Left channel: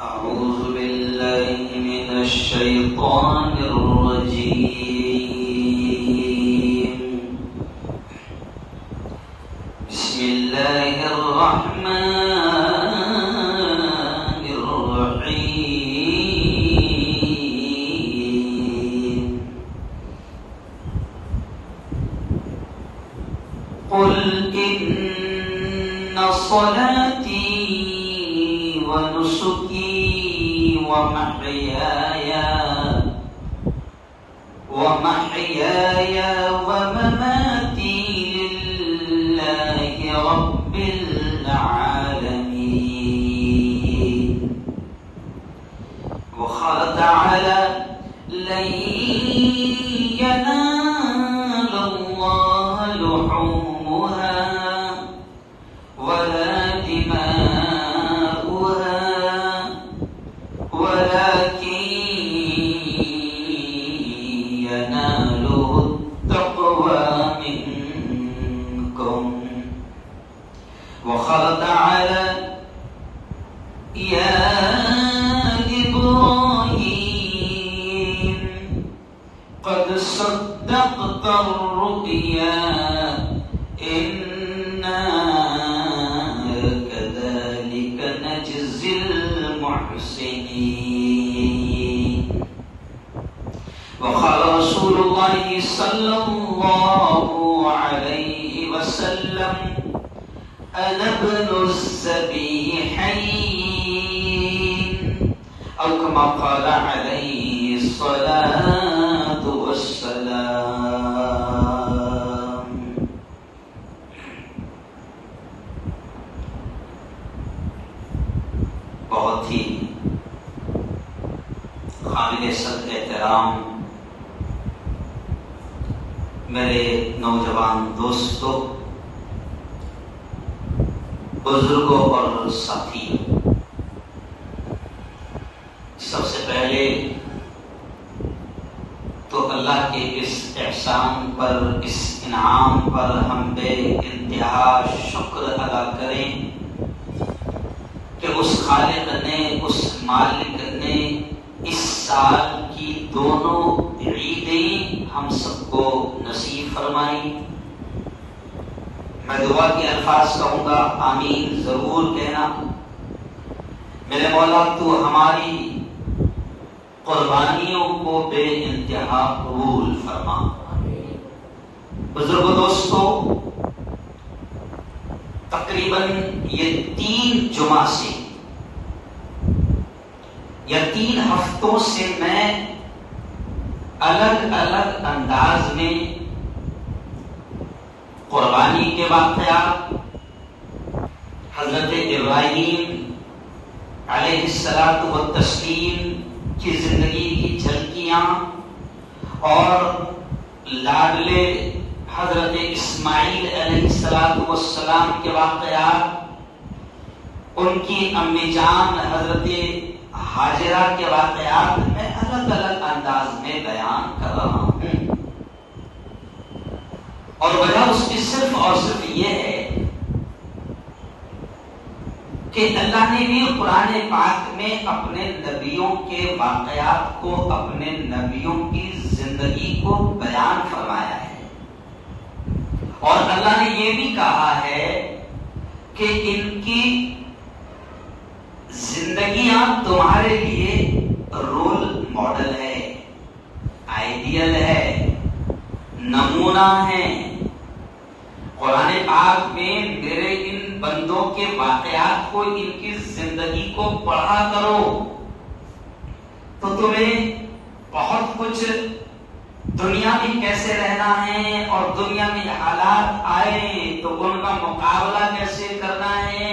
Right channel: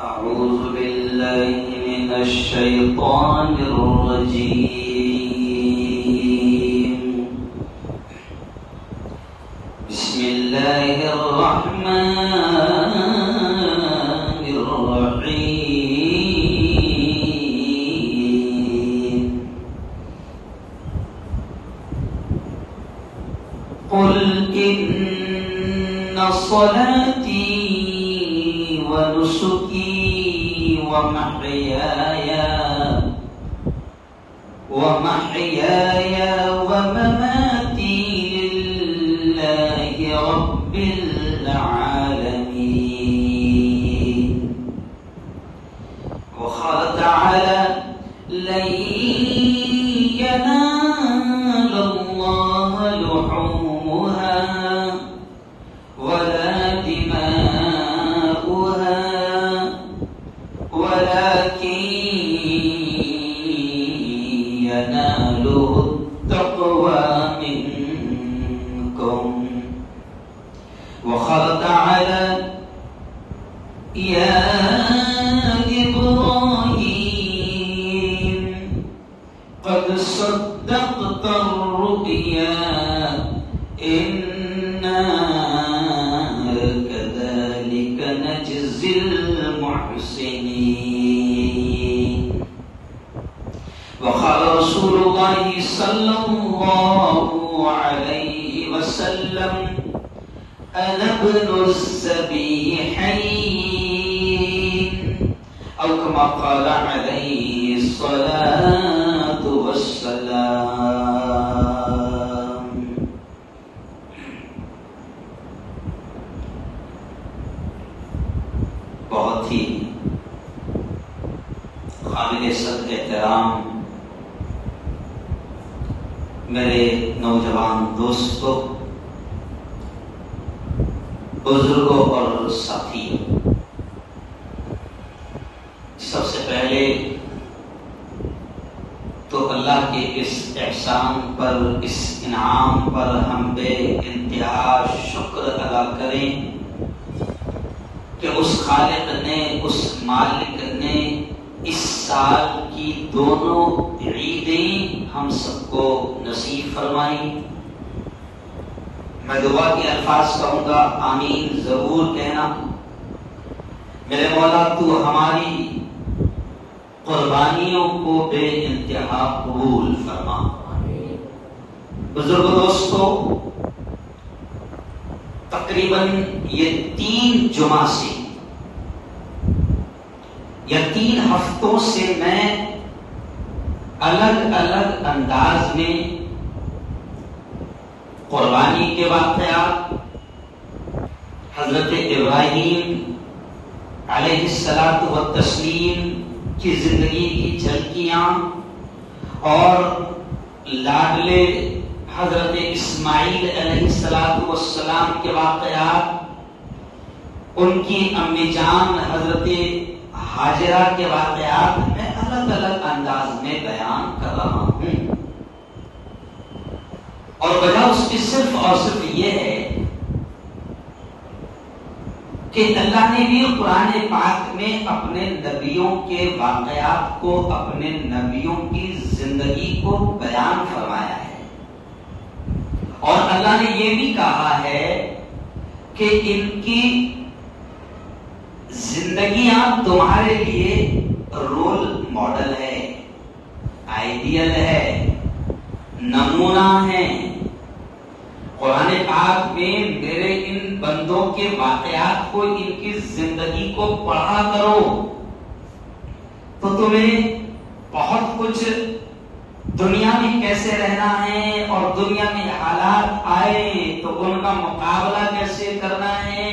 أعوذ بالله من الشيطان الرجيم. بسم الله الرحمن الرحيم. قل إن صلاتي ونسكي ومحياي ومماتي لله رب العالمين. وقال تعالى: لن ينال الله لحومها ولا دماؤها ولكن يناله التقوى منكم. وقال تعالى: يا إبراهيم قد صدقت الرؤيا إنا كذلك نجزي المحسنين. وقال رسول الله صلى الله عليه وسلم: أنا ابن السبيحين، أو كما قال عليه الصلاة والسلام. بہت ہی قابل صد احترام میرے نوجوان دوستوں، بزرگوں اور ساتھیوں، سب سے پہلے تو اللہ کے اس احسان پر، اس انعام پر ہم بے انتہا شکر ادا کریں کہ اس خالق نے، اس مالک نے اس سال کی دونوں عیدیں ہم سب کو نصیب فرمائی. میں دعا کے الفاظ کہوں گا، آمین ضرور کہنا. میرے مولا تو ہماری قربانیوں کو بے انتہا قبول فرما. بزرگ دوستو، تقریباً یہ 3 جمعہ سے یا 3 ہفتوں سے میں الگ الگ انداز میں قربانی کے واقعات، حضرت ابراہیم علیہ الصلاۃ والتسلیم کی زندگی کی جھلکیاں اور لاڈلے حضرت اسماعیل علیہ الصلاۃ والسلام کے واقعات، ان کی امی جان حضرت حاجرہ کے واقعات میں الگ الگ انداز میں بیان کر رہا ہوں. اور وجہ اس کی صرف اور صرف یہ ہے کہ اللہ نے بھی قرآن پاک میں اپنے نبیوں کے واقعات کو، اپنے نبیوں کی زندگی کو بیان فرمایا ہے. اور اللہ نے یہ بھی کہا ہے کہ ان کی زندگیاں تمہارے لیے رول ماڈل ہے، آئیڈیل ہے، نمونہ ہے. قرآن پاک میں میرے ان بندوں کے واقعات کو، ان کی زندگی کو پڑھا کرو تو تمہیں بہت کچھ دنیا میں کیسے رہنا ہے اور دنیا میں حالات آئے تو ان کا مقابلہ کیسے کرنا ہے.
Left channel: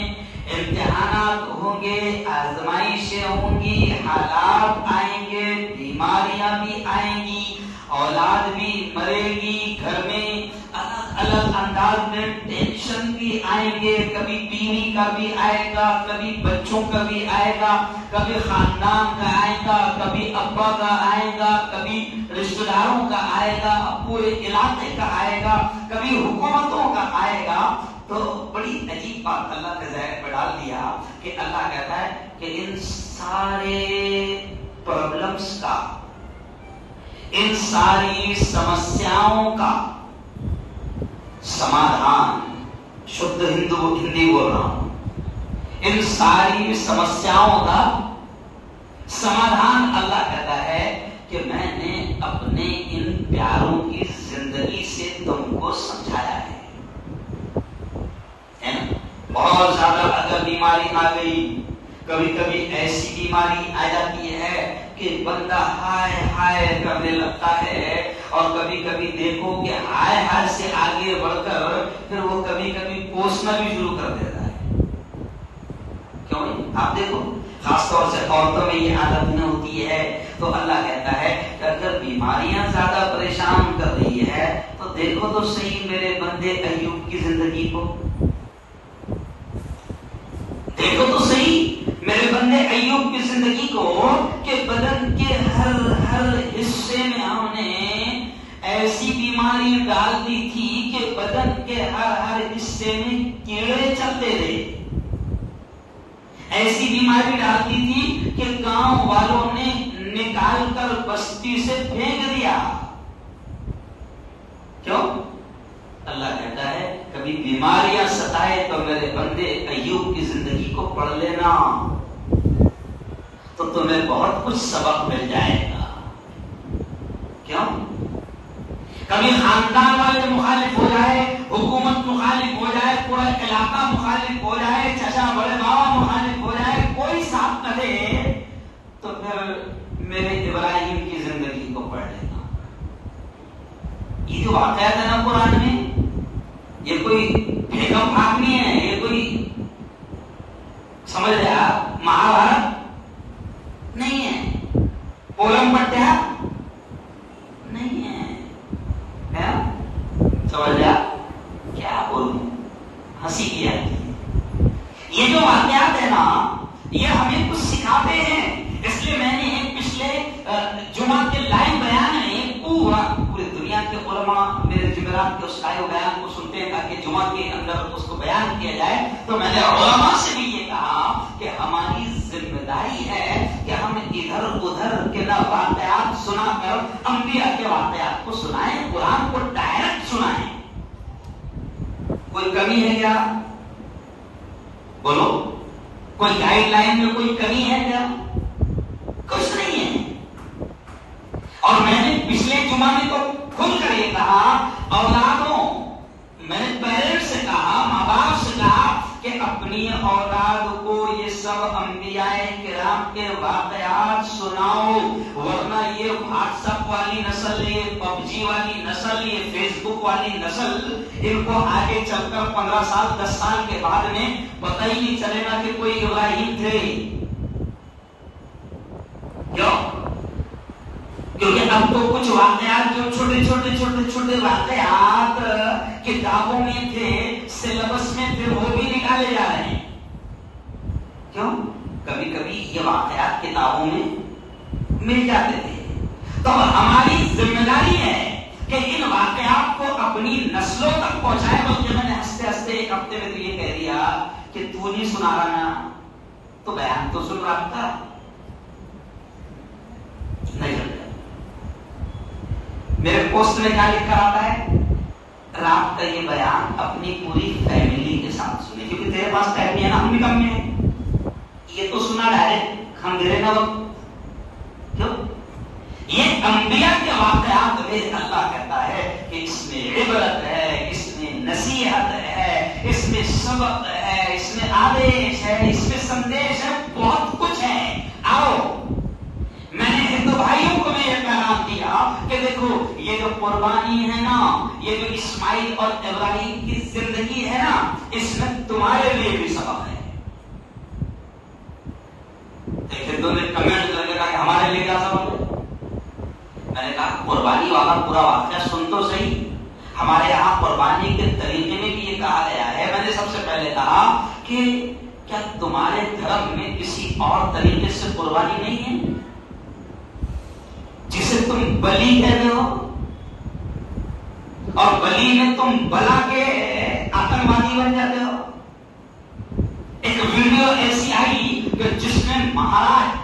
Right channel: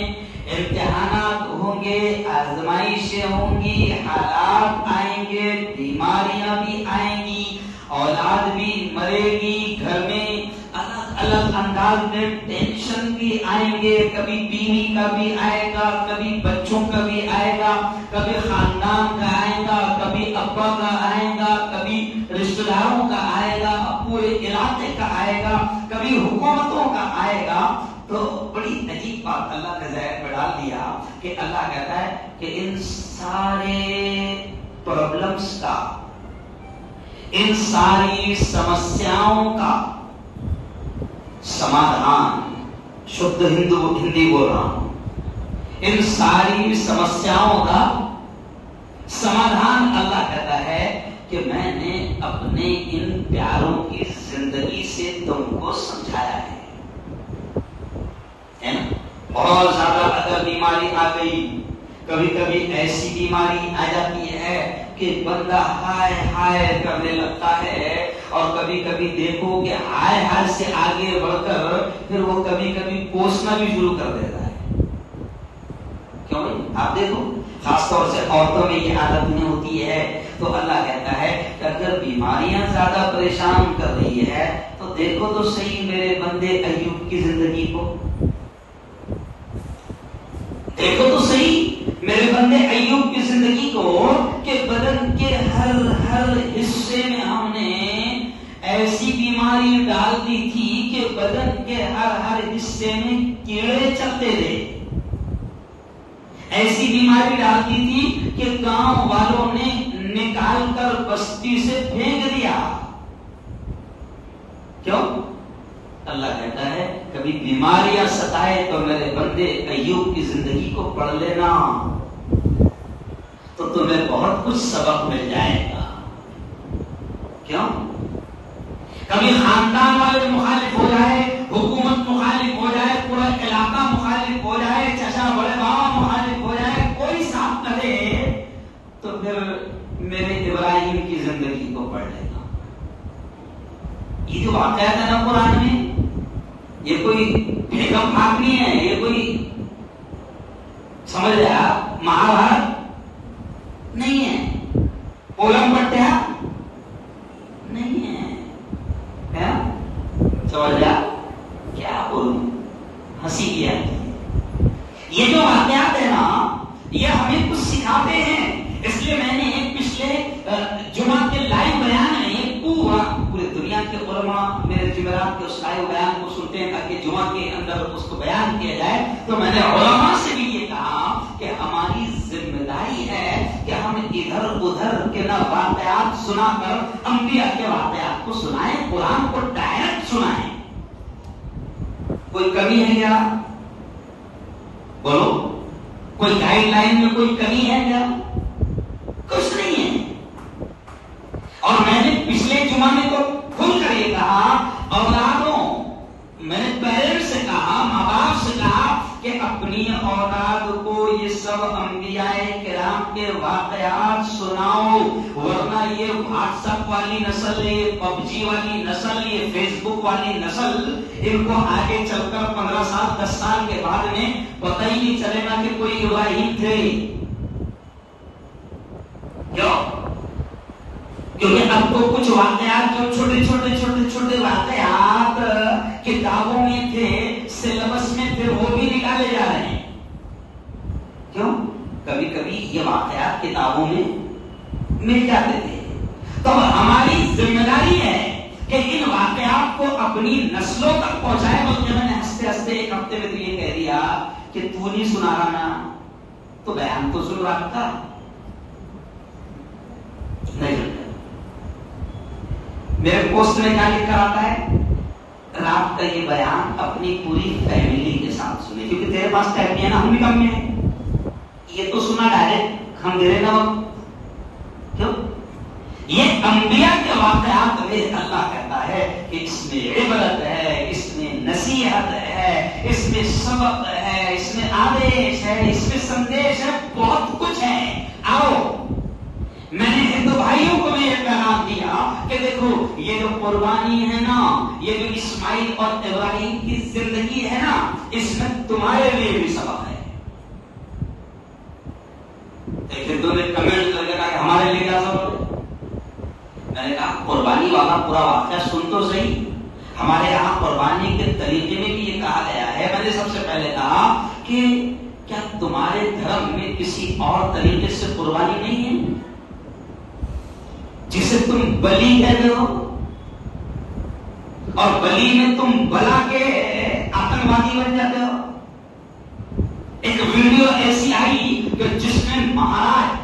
امتحانات ہوں گے، آزمائشیں ہوں گی، حالات آئیں گے، بیماریاں بھی آئیں گی، اولاد بھی مرے گی، گھر میں الگ الگ انداز میں ٹینشن بھی آئیں گے. کبھی بیوی کا بھی آئے گا، کبھی بچوں کا بھی آئے گا، کبھی خاندان کا آئے گا، کبھی ابا کا آئے گا، کبھی رشتہ داروں کا آئے گا، پورے علاقے کا آئے گا، کبھی حکومتوں کا آئے گا. تو بڑی عجیب بات اللہ نے ذہن میں ڈال دیا کہ اللہ کہتا ہے کہ ان سارے پرابلمس کا، ان ساری سمسیاؤں کا سمادھان، شدھ ہندی بول رہا ہوں، ان ساری سمسیاؤں کا سمادھان اللہ کہتا ہے کہ میں نے اپنے ان پیاروں کی زندگی سے تم کو سمجھایا ہے۔ بہت زیادہ اگر بیماری آ گئی، کبھی کبھی ایسی بیماری آ جاتی ہے کہ بندہ ہائے ہائے کرنے لگتا ہے، اور کبھی کبھی دیکھو کہ ہائے ہائے سے آگے بڑھ کر پھر وہ کبھی کبھی کوسنا بھی شروع کر دیتا ہے۔ کیوں؟ آپ دیکھو خاص طور سے عورتوں میں یہ عادت نہیں ہوتی ہے، تو اللہ کہتا ہے کہ اگر بیماریاں زیادہ پریشان کر رہی ہے تو دیکھو تو صحیح میرے بندے ایوب کی زندگی کو، دیکھو تو صحیح میرے بندے ایوب کی زندگی کو، کہ بدن کے ہر حصے میں ہم نے ایسی بیماری ڈال دی تھی کہ بدن کے ہر حصے میں کیڑے چلتے تھے، ایسی بیماری ڈال دی تھی کہ گاؤں والوں نے نکال کر بستی سے پھینک دیا۔ کیوں؟ اللہ کہتا ہے کبھی بیماریاں ستائے تو میرے بندے ایوب کی زندگی کو پڑھ لینا، تو تمہیں بہت کچھ سبق مل جائے گا۔ کیوں؟ کبھی خاندان والے مخالف ہو جائے، حکومت مخالف ہو جائے، پورا علاقہ مخالف ہو جائے، چچا بڑے بابا مخالف ہو جائے، کوئی ساتھ نہ دے، تو پھر میرے ابراہیم کی زندگی کو پڑھ لینا۔ یہ جو واقعات ہے نا قرآن میں، یہ کوئی بھیگم بھاگ نہیں ہے، یہ کوئی سمجھ رہے آپ مہابھارت نہیں ہے، اولم پٹیا نہیں ہے، سمجھ رہے آپ کیا بولوں، ہنسی کی آتی ہے۔ یہ جو واقعات ہے نا یہ ہمیں کچھ سکھاتے ہیں، اس لیے میں نے پچھلے جمعہ کے لائیو بیان میں پوری دنیا کے علماء میرے جمعرات کے اس لائیو بیان کو سنتے ہیں تاکہ جمعہ کے اندر اس کو بیان کیا جائے، تو میں نے علماء سے بھی یہ کہا کہ ہماری ذمہ داری ہے کہ ہم ادھر ادھر کے نہ واقعات سنا کر انبیاء کے واقعات کو سنائیں، قرآن کو ڈائریکٹ سنائیں۔ کوئی کمی ہے کیا؟ بولو، کوئی گائیڈ لائن میں کوئی کمی ہے کیا؟ کچھ نہیں ہے۔ اور میں نے پچھلے جمعہ میں تو کھل کر یہ کہا، اولادوں، میں نے پیرنٹس سے کہا، ماں باپ سے کہا کہ اپنی اولاد کو یہ سب انبیاء کرام کے واقعات سناؤ، ورنہ یہ واٹس ایپ والی نسل، یہ پب جی والی نسل، یہ فیس بک والی نسل، ان کو آگے چل کر 15 سال 10 سال کے بعد میں پتہ ہی نہیں چلے گا کہ کوئی ابراہیم تھے۔ کیوں؟ کیونکہ اب تو کچھ واقعات جو چھوٹے واقعات کتابوں میں تھے، سلیبس میں تھے، وہ بھی نکالے جا رہے ہیں۔ کیوں؟ کبھی کبھی یہ واقعات کتابوں میں مل جاتے تھے، تو ہماری ذمہ داری ہے کہ ان واقعات کو اپنی نسلوں تک پہنچائے۔ بلکہ میں نے ہنستے ہنستے ایک ہفتے میں تو یہ کہہ دیا کہ تو نہیں سنا رہا نا، تو بیان تو سن رہا تھا نہیں۔ میرے پوسٹ میں کیا لکھ کر آتا ہے، رات کا یہ بیان اپنی پوری فیملی کے ساتھ سنے، کیونکہ تیرے پاس ٹائم نہیں ہے نا، ہم بھی کم میں یہ تو سنا ڈائریکٹ ہم دے رہے نا۔ کیوں؟ یہ انبیاء کے واقعات میں اللہ کہتا ہے کہ اس میں عبرت ہے، اس میں نصیحت ہے، اس میں سبق ہے، اس میں آدیش ہے، اس میں سندیش ہے، بہت کچھ ہے۔ آؤ، میں نے ہندو بھائیوں کو بھی یہ پیغام دیا کہ دیکھو یہ جو قربانی ہے نا، یہ جو اسماعیل اور ابراہیم کی زندگی ہے نا، اس میں تمہارے لیے بھی سبق ہے۔ ایک ہندو نے کمنٹ کر کے کہا کہ ہمارے لیے کیا سبق ہے؟ میں نے کہا قربانی والا پورا واقعہ سن تو صحیح، ہمارے یہاں قربانی کے طریقے میں بھی یہ کہا گیا ہے۔ میں نے سب سے پہلے کہا کہ کیا تمہارے دھرم میں کسی اور طریقے سے قربانی نہیں ہے جسے تم بلی کہتے ہو، اور بلی میں تم بلا کے آتنکوادی بن جاتے ہو؟ ایک ویڈیو ایسی آئی کہ جس میں مہاراج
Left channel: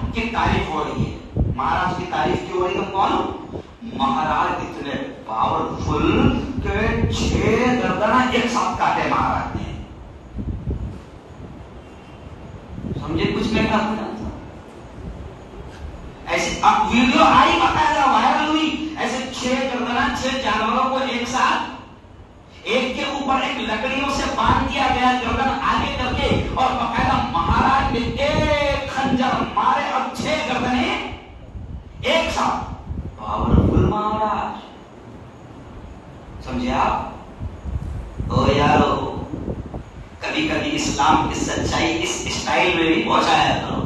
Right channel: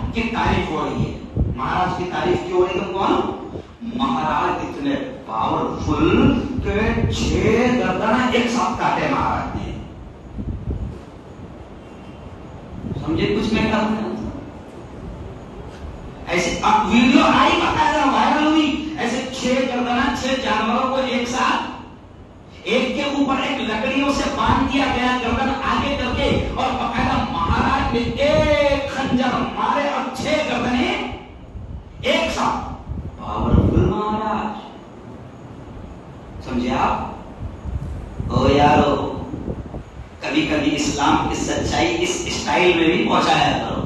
ایسے اب ویڈیو آئی باقاعدہ وائرل ہوئی، ایسے 6 جانوروں کو ایک ساتھ ایک کے اوپر ایک لکڑیوں سے باندھ دیا گیا، گردن آگے کر کے، اور باقاعدہ مہاراج نے ایک خنجر مارے اور 6 گردنیں ایک ساتھ. پاورفل مہاراج، سمجھے آپ؟ او یارو، کبھی کبھی اسلام کی سچائی اس اسٹائل میں بھی پہنچایا کرو.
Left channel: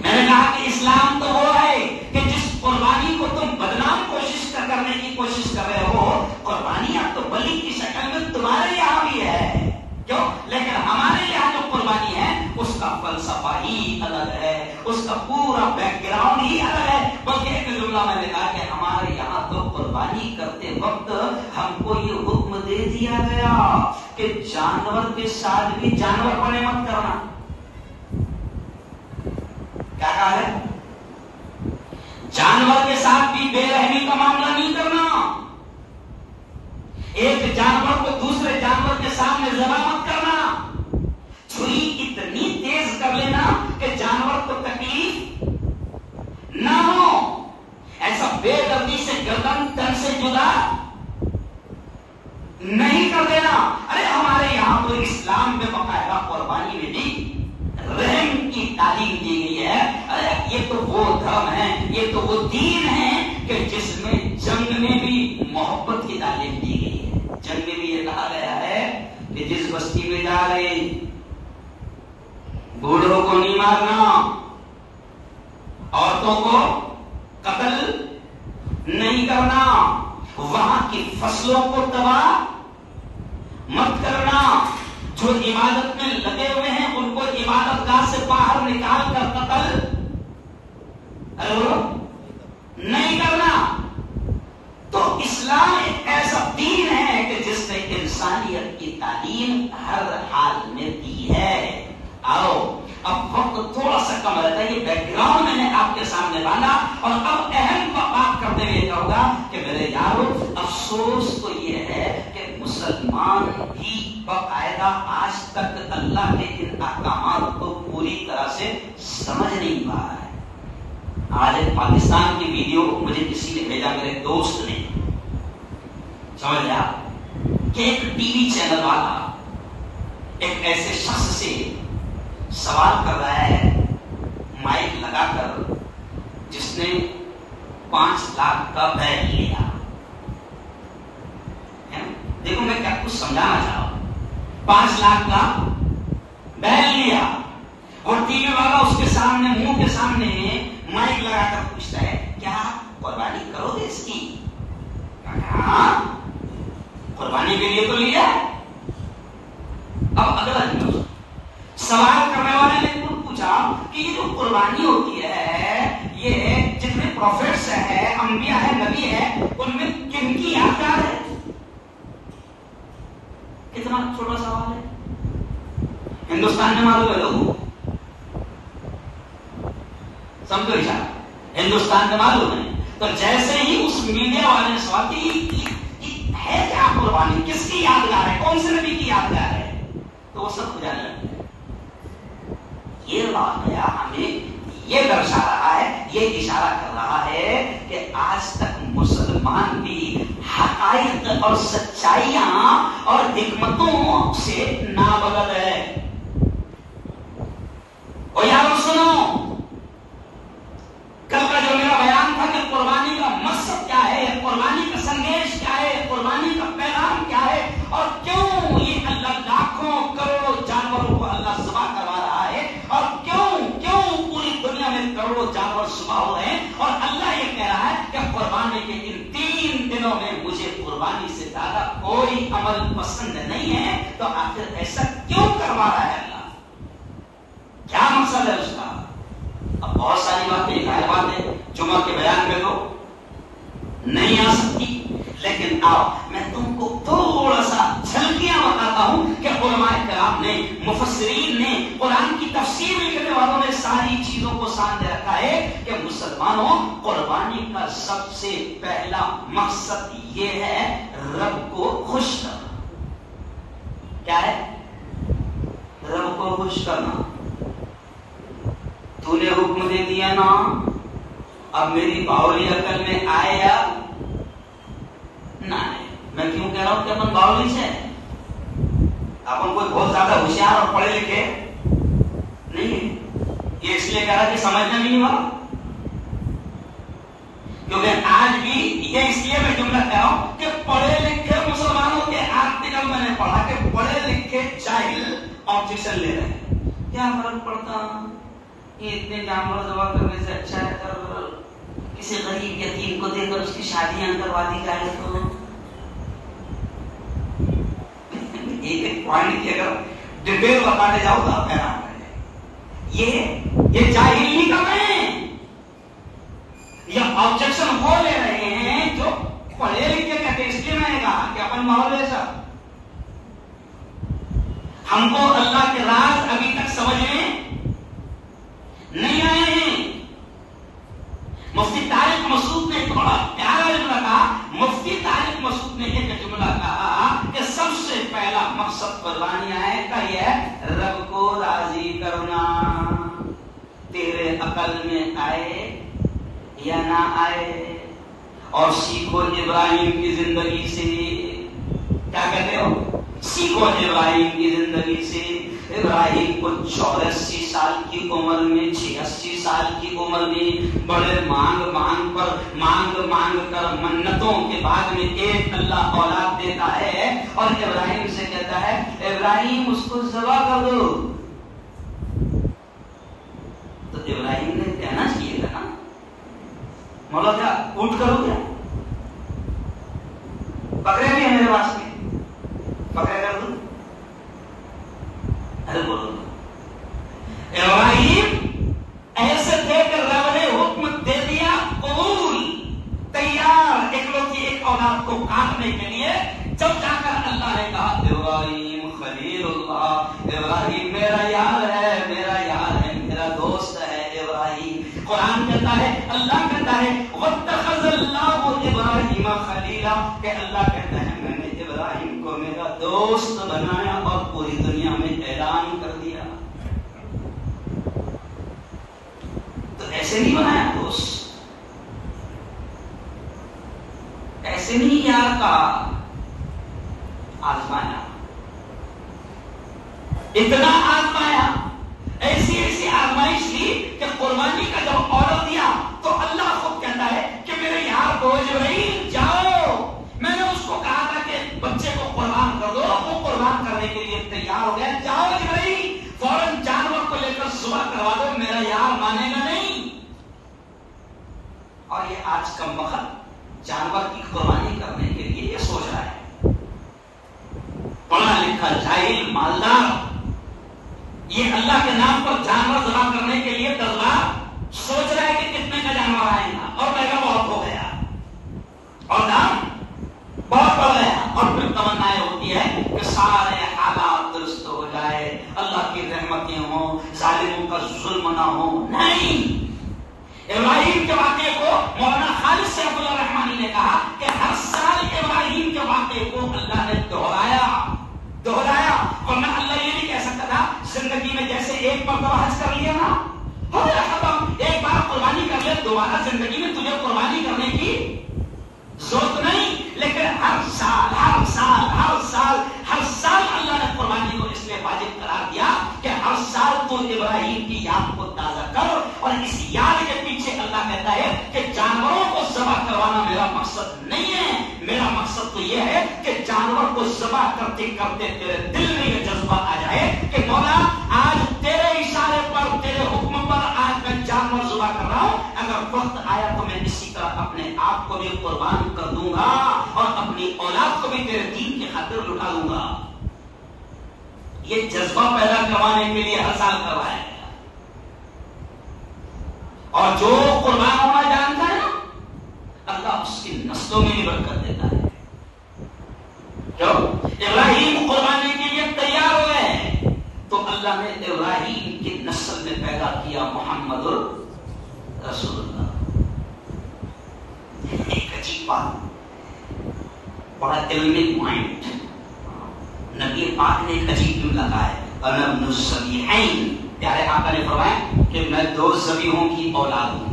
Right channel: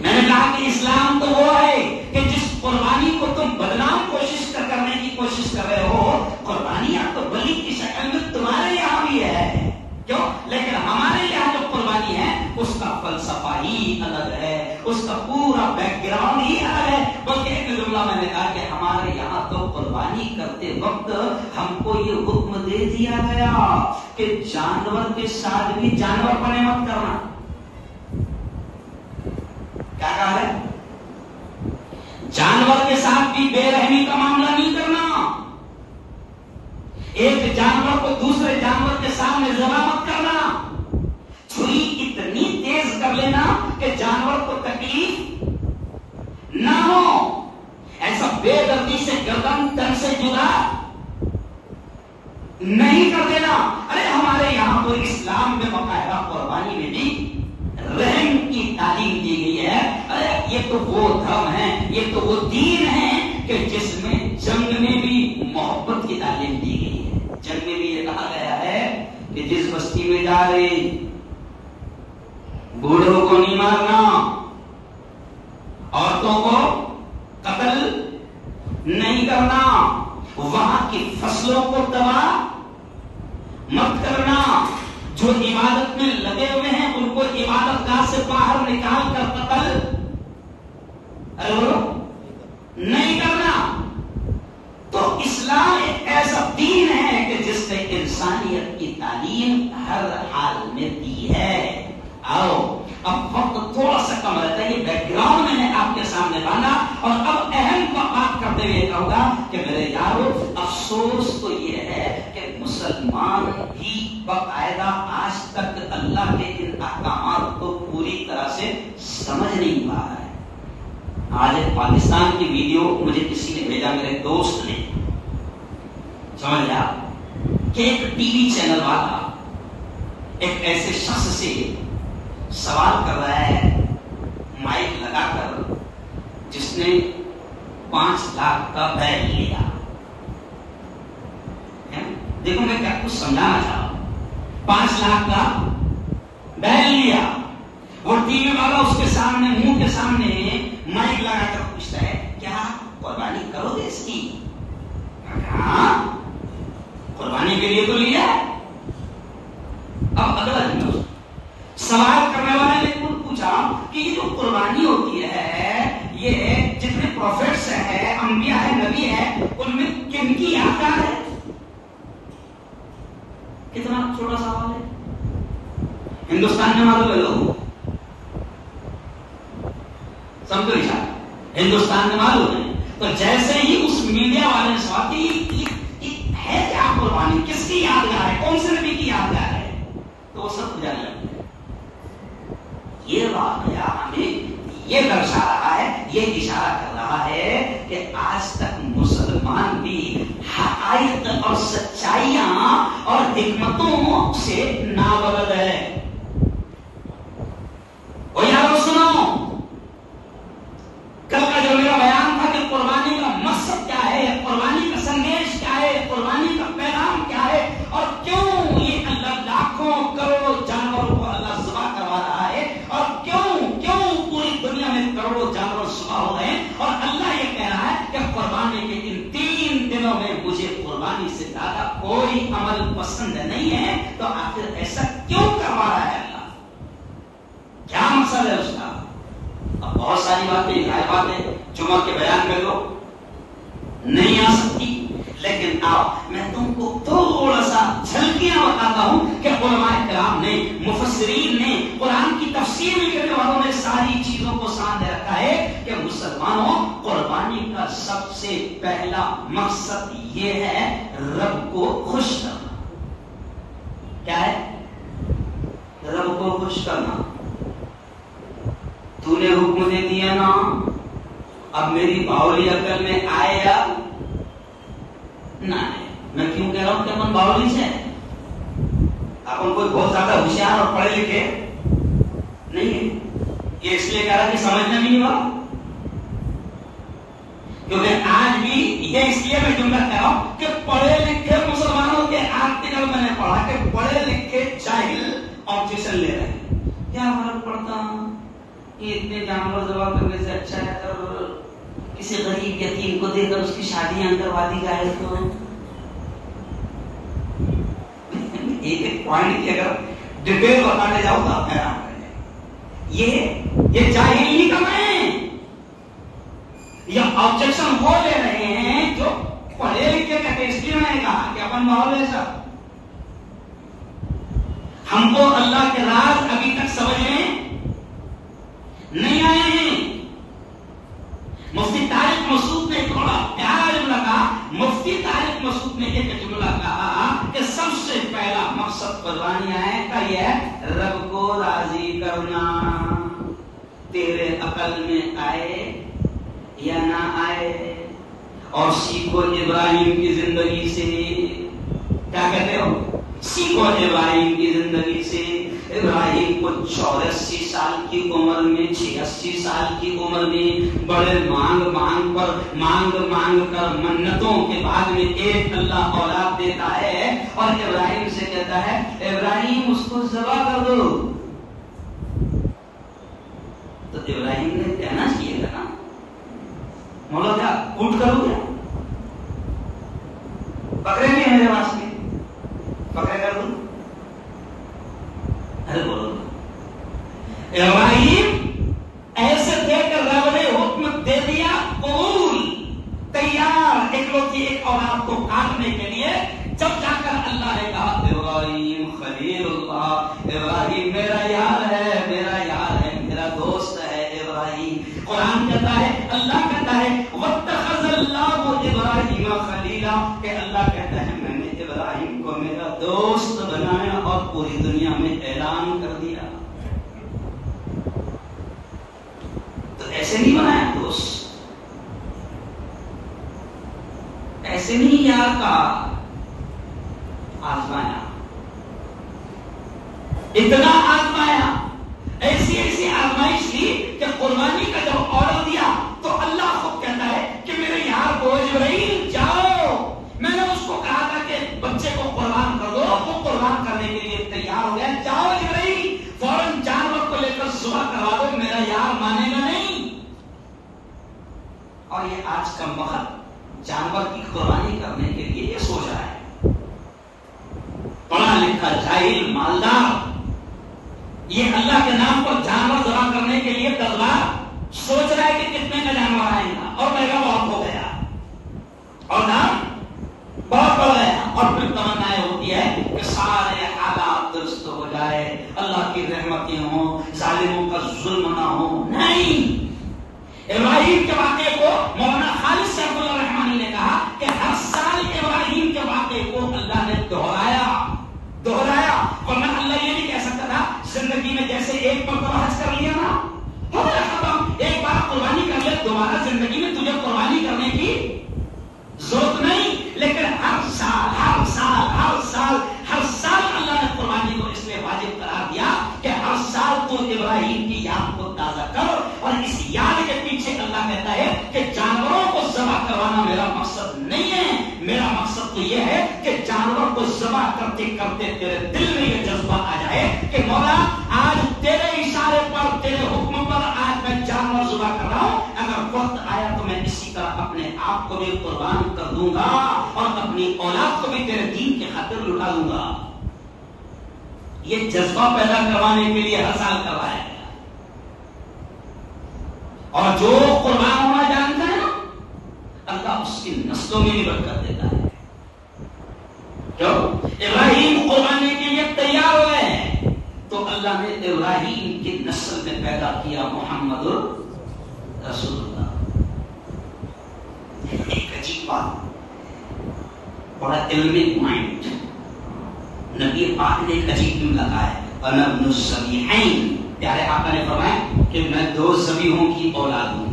میں نے کہا کہ اسلام تو وہ ہے کہ جس قربانی کو تم بدنام کرنے کی کوشش کر رہے ہو، قربانی اب تو بلی کی شکل میں تمہارے یہاں بھی ہے، کیوں؟ لیکن ہمارے یہاں جو قربانی ہے اس کا فلسفہ ہی الگ ہے، اس کا پورا بیک گراؤنڈ ہی الگ ہے. بلکہ ایک جملہ میں نے کہا کہ ہمارے یہاں تو قربانی کرتے وقت ہم کو یہ حکم دے دیا گیا کہ جانور کے ساتھ بھی جانور بنے مت کرنا. کیا کہا ہے؟ جانور کے ساتھ بھی بے رحمی کا معاملہ نہیں کرنا. ایک جانور کو دوسرے جانور کے سامنے ذبح مت کرنا. چھری اتنی تیز کر لینا کہ جانور کو تکلیف نہ ہو. ایسا بے دردی سے گردن تن سے جدا نہیں کر دینا. ارے ہمارے یہاں تو اسلام میں باقاعدہ قربانی میں بھی رحم کی تعلیم دی گئی ہے. ارے یہ تو وہ دھرم ہے، یہ تو وہ دین ہے کہ جس میں جنگ میں بھی محبت کی تعلیم دی گئی ہے. جنگ میں بھی یہ کہا گیا ہے کہ جس بستی میں جا رہے بوڑھوں کو نہیں مارنا، عورتوں کو قتل نہیں کرنا، وہاں کی فصلوں کو تباہ مت کرنا، جو عبادت میں لگے ہوئے ہیں ان کو عبادت گاہ سے باہر نکال کر قتل نہیں کرنا. تو اسلام ایک ایسا دین ہے کہ جس نے انسانیت کی تعلیم ہر حال میں دی ہے. آؤ اب وقت تھوڑا سا کم رہتا ہے، یہ بیک گراؤنڈ میں نے آپ کے سامنے لانا، اور اب اہم بات کرتے ہوئے کہوں گا کہ میرے یارو، افسوس تو یہ ہے کہ مسلمان بھی باقاعدہ آج تک اللہ کے ان احکامات کو پوری طرح سے سمجھ نہیں پا رہا ہے. آج ایک پاکستان کی ویڈیو مجھے کسی نے بھیجا، میرے دوست نے، سمجھ لیا کہ ایک ٹی وی چینل والا ایک ایسے شخص سے سوال کر رہا ہے مائک لگا کر جس نے 5 لاکھ کا بیگ لیا. دیکھو میں کیا کچھ سمجھانا چاہ رہا ہوں. 5 لاکھ کا بیگ لیا. وہ ٹی وی والا اس کے سامنے، منہ کے سامنے مائک لگا کر پوچھتا ہے کیا قربانی کرو گے اس کی؟ ہاں قربانی کے لیے تو لیا. اب اگلا سوال کرنے والے نے پوچھا کہ یہ جو قربانی ہوتی ہے، یہ جتنے پروفیٹس ہیں، انبیاء ہیں، نبی ہیں، ان میں کن کی یادگار ہے؟ کتنا چھوٹا سوال ہے. ہندوستان میں معلوم ہے لوگوں، سمجھو اشارہ، ہندوستان میں معلوم ہے. تو جیسے ہی اس میڈیا والے نے سوال کی ہے کیا قربانی، کس کی یادگار ہے، کون سے نبی کی یادگار ہے، تو وہ سب جانے لگے. یہ واقعہ ہمیں یہ درشا رہا ہے، یہ اشارہ کر رہا ہے کہ آج تک مسلمان بھی حقائق اور سچائیاں اور حکمتوں سے نابلد ہے. اور یارو سنو، کل کا جو میرا بیان تھا کہ قربانی کا مقصد کیا ہے، قربانی کا سندیش کیا ہے، قربانی کا پیغام کیا ہے، اور کیوں یہ اللہ لاکھوں کروڑوں جانوروں کو اللہ ذبح کروا رہا ہے، اور کیوں پوری دنیا میں کروڑوں جانور ذبح ہو رہے ہیں، اور اللہ یہ کہہ رہا ہے کہ قربانی کے ان 3 دنوں میں مجھے قربانی سے زیادہ کوئی عمل پسند نہیں ہے. تو آخر ایسا کیوں کروا رہا ہے اللہ؟ کیا مقصد ہے اس کا؟ اب بہت ساری باتیں جمعہ کے بیان میں تو نہیں آ سکتی، لیکن اب میں تم کو تھوڑا سا جھلکیاں بتاتا ہوں کہ علماء کرام نے، مفسرین نے، قرآن کی تفسیر کرنے والوں نے ساری چیزوں کو سامنے رکھا ہے کہ مسلمانوں، قربانی کا سب سے پہلا مقصد یہ ہے رب کو خوش کرنا. کیا ہے؟ رب کو خوش کرنا. تو نے حکم دے دیا نا، اب میری باولی عقل میں آئے یا نہ آئے. میں کیوں کہہ رہا ہوں کہ اپن باولی سے اپن کوئی بہت زیادہ ہوشیار اور پڑھے لکھے نہیں ہے. یہ اس لیے کہہ رہا کہ سمجھنا نہیں ہوا، کیونکہ آج بھی یہ اس لیے میں جملہ کہہ رہا ہوں کہ پڑھے لکھے مسلمانوں کے آرٹیکل میں نے پڑھا کہ پڑھے لکھے جاہل آبجیکشن لے رہے ہیں. کیا فرق پڑتا کہ اتنے جانور ذبح کرنے سے اچھا ہے کر کسی غریب یتیم کو دے کر اس کی شادیاں کروا دی جائے. تو ایک پوائنٹ کی اگر ڈیٹیل بتانے جاؤ تو آپ حیران رہ جائیں. یہ جاہلی کا میں یہ آبجیکشن ہو لے رہے ہیں جو پڑھے لکھے کا ٹیسٹی میں نے کہا کہ اپن ماحول ایسا ہم کو اللہ کے راز ابھی تک سمجھ میں نہیں آئے ہیں. مفتی طارق مسعود نے تھوڑا پیارا جملہ کہا. مفتی طارق مسعود نے یہ جملہ کہا کہ سب سے پہلا مقصد قربانیاں کا یہ ہے رب کو راضی کرنا. تیرے عقل میں آئے یا نہ آئے. اور سیکھو ابراہیم کی زندگی سے. کیا کہتے ہو؟ سیکھو ابراہیم کی زندگی سے. ابراہیم کو 84 سال کی عمر میں 86 سال کی عمر میں بڑے مانگ کر منتوں کے بعد میں ایک اللہ اولاد دیتا ہے اور ابراہیم سے کہتا ہے ابراہیم اس کو ذبح کر دو. تو ابراہیم نے کہنا چاہیے تھا نا مولا کیا اونٹ کرو گے؟ پکڑے بھی ہیں میرے پاس میں، پکڑے کر دوں. ابراہیم ایسے دے کر رب نے حکم دے دیا قبول تیار اکلوتی ایک اولاد کو کاٹنے کے لیے. جب جا کر اللہ نے کہا ابراہیم خلیل اللہ، ابراہیم میرا یار ہے، میرا یار ہے، میرا دوست ہے ابراہیم. قرآن کہتا ہے، اللہ کہتا ہے واتخذ اللہ ابراہیم خلیلا، کہ اللہ کہتا ہے میں نے ابراہیم کو میرا دوست بنایا اور پوری دنیا میں اعلان کر دیا. تو ایسے نہیں بنایا دوست، ایسے نہیں یار کہا، آزمایا، اتنا آزمایا، ایسی ایسی آزمائش لی کہ قربانی کا جب آرڈر دیا تو اللہ خود کہتا ہے کہ میرے یار کو جبرائیل جاؤ، میں نے اس کو کہا تھا کہ بچے کو قربان کر دو، وہ قربان کرنے کے لیے تیار ہو گیا. جاؤ جبرائیل فوراً جانور کو لے کر ذبح کروا دو، میرا یار مانے گا نہیں. اور یہ آج کا وقت جانور کی قربانی کرنے کے لیے یہ سوچ رہا ہے پڑھا لکھا جاہل مالدار، یہ اللہ کے نام پر جانور ذبح کرنے کے لیے دربار سوچ رہا ہے کہ کتنے کا جانور آئے گا اور مہنگا بہت ہو گیا اور دام بہت بڑھ گیا. اور پھر تمنا ہوتی ہے کہ سارے حالات درست ہو جائے، اللہ کی رحمتیں ہوں، ظالموں کا ظلم نہ ہو. نہیں، ابراہیم کے واقعے کو مولانا خالد صاحب الرحمانی نے کہا کہ ہر سال ابراہیم کے واقعے کو اللہ نے دہرایا. ورنہ اللہ یہ نہیں کہہ سکتا تھا زندگی میں جیسے ایک مرتبہ حج کر لیا نا، ہو گیا ختم، ایک بار قربانی کر لیا، دوبارہ زندگی میں تجھے قربانی کرنے کی ضرورت نہیں. لیکن ہر سال اللہ نے قربانی کو اس لیے واجب قرار دیا کہ ہر سال تو ابراہیم کی یاد کو تازہ کر. اور اس یاد کے پیچھے اللہ کہتا ہے کہ جانوروں کو ذبح کروانا میرا مقصد نہیں ہے، میرا مقصد تو یہ ہے کہ جانور کو ذبح کرتے کرتے تیرے دل میں یہ جذبہ آ جائے کہ مولا آج تیرے اشارے پر، تیرے حکم پر آج میں جانور ذبح کر رہا ہوں. اگر وقت آیا تو میں اسی طرح اپنے آپ کو بھی قربان کر دوں گا اور اپنی اولاد کو بھی تیرے دین کی خاطر لٹا دوں گا. یہ جذبہ پیدا کروانے کے لیے ہر سال کروایا گیا. اور جو قربان ہونا جانتا ہے نا اللہ اس کی نسلوں میں بھی برکت دیتا ہے. جو ابراہیم قربانی کے لیے تیار ہو گئے تو اللہ نے ابراہیم کی نسل میں پیدا کیا محمد رسول اللہ. ایک عجیب بات، بڑا علمی پوائنٹ، نبی پاک نے ایک عجیب جملہ کہا ہے انا ابن الصبیحین. پیارے آقا نے فرمایا کہ میں 2 ذبیحوں کی اولاد ہوں.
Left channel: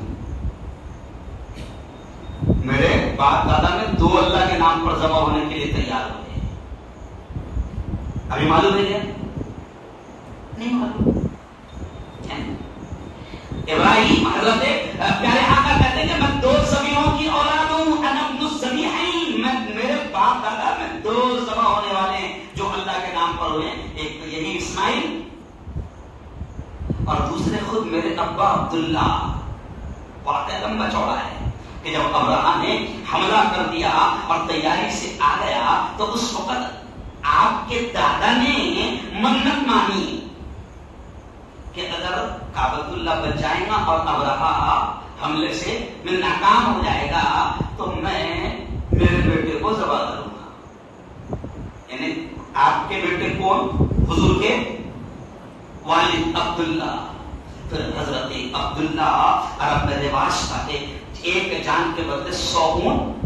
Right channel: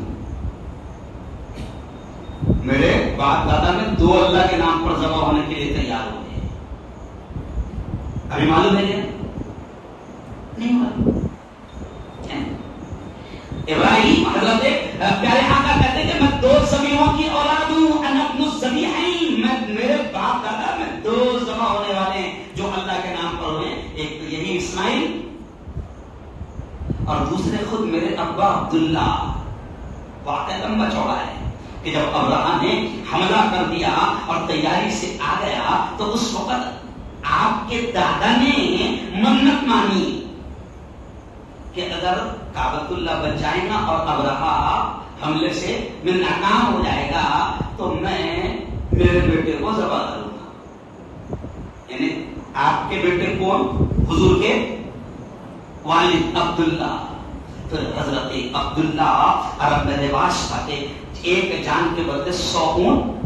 میرے باپ دادا میں 2 اللہ کے نام پر ذبح ہونے کے لیے تیار ہوئے. ابھی معلوم ہے کیا؟ نہیں معلوم. ابراہیم حضرت پیارے آقا کہتے ہیں کہ میں 2 ذبیحوں کی اولاد ہوں. انا ابن الذبیحین، میرے باپ دادا میں 2 ذبح ہونے والے ہیں جو اللہ کے نام پر ہوئے. ایک تو یہی اسماعیل اور دوسرے خود میرے ابا عبداللہ. واقعہ لمبا چوڑا ہے کہ جب ابراہیم نے حملہ کر دیا اور تیاری سے آ گیا تو اس وقت آپ کے دادا نے منت مانی کہ اگر کعبۃ اللہ بچ جائے گا اور ابراہیم حملے سے میں ناکام ہو جائے گا تو میں میرے بیٹے کو ذبح کروں گا. یعنی آپ کے بیٹے کون؟ حضور کے والد عبداللہ. تو حضرت عبداللہ عرب میں رواج تھا کہ ایک جان کے بدلے 100 اونٹ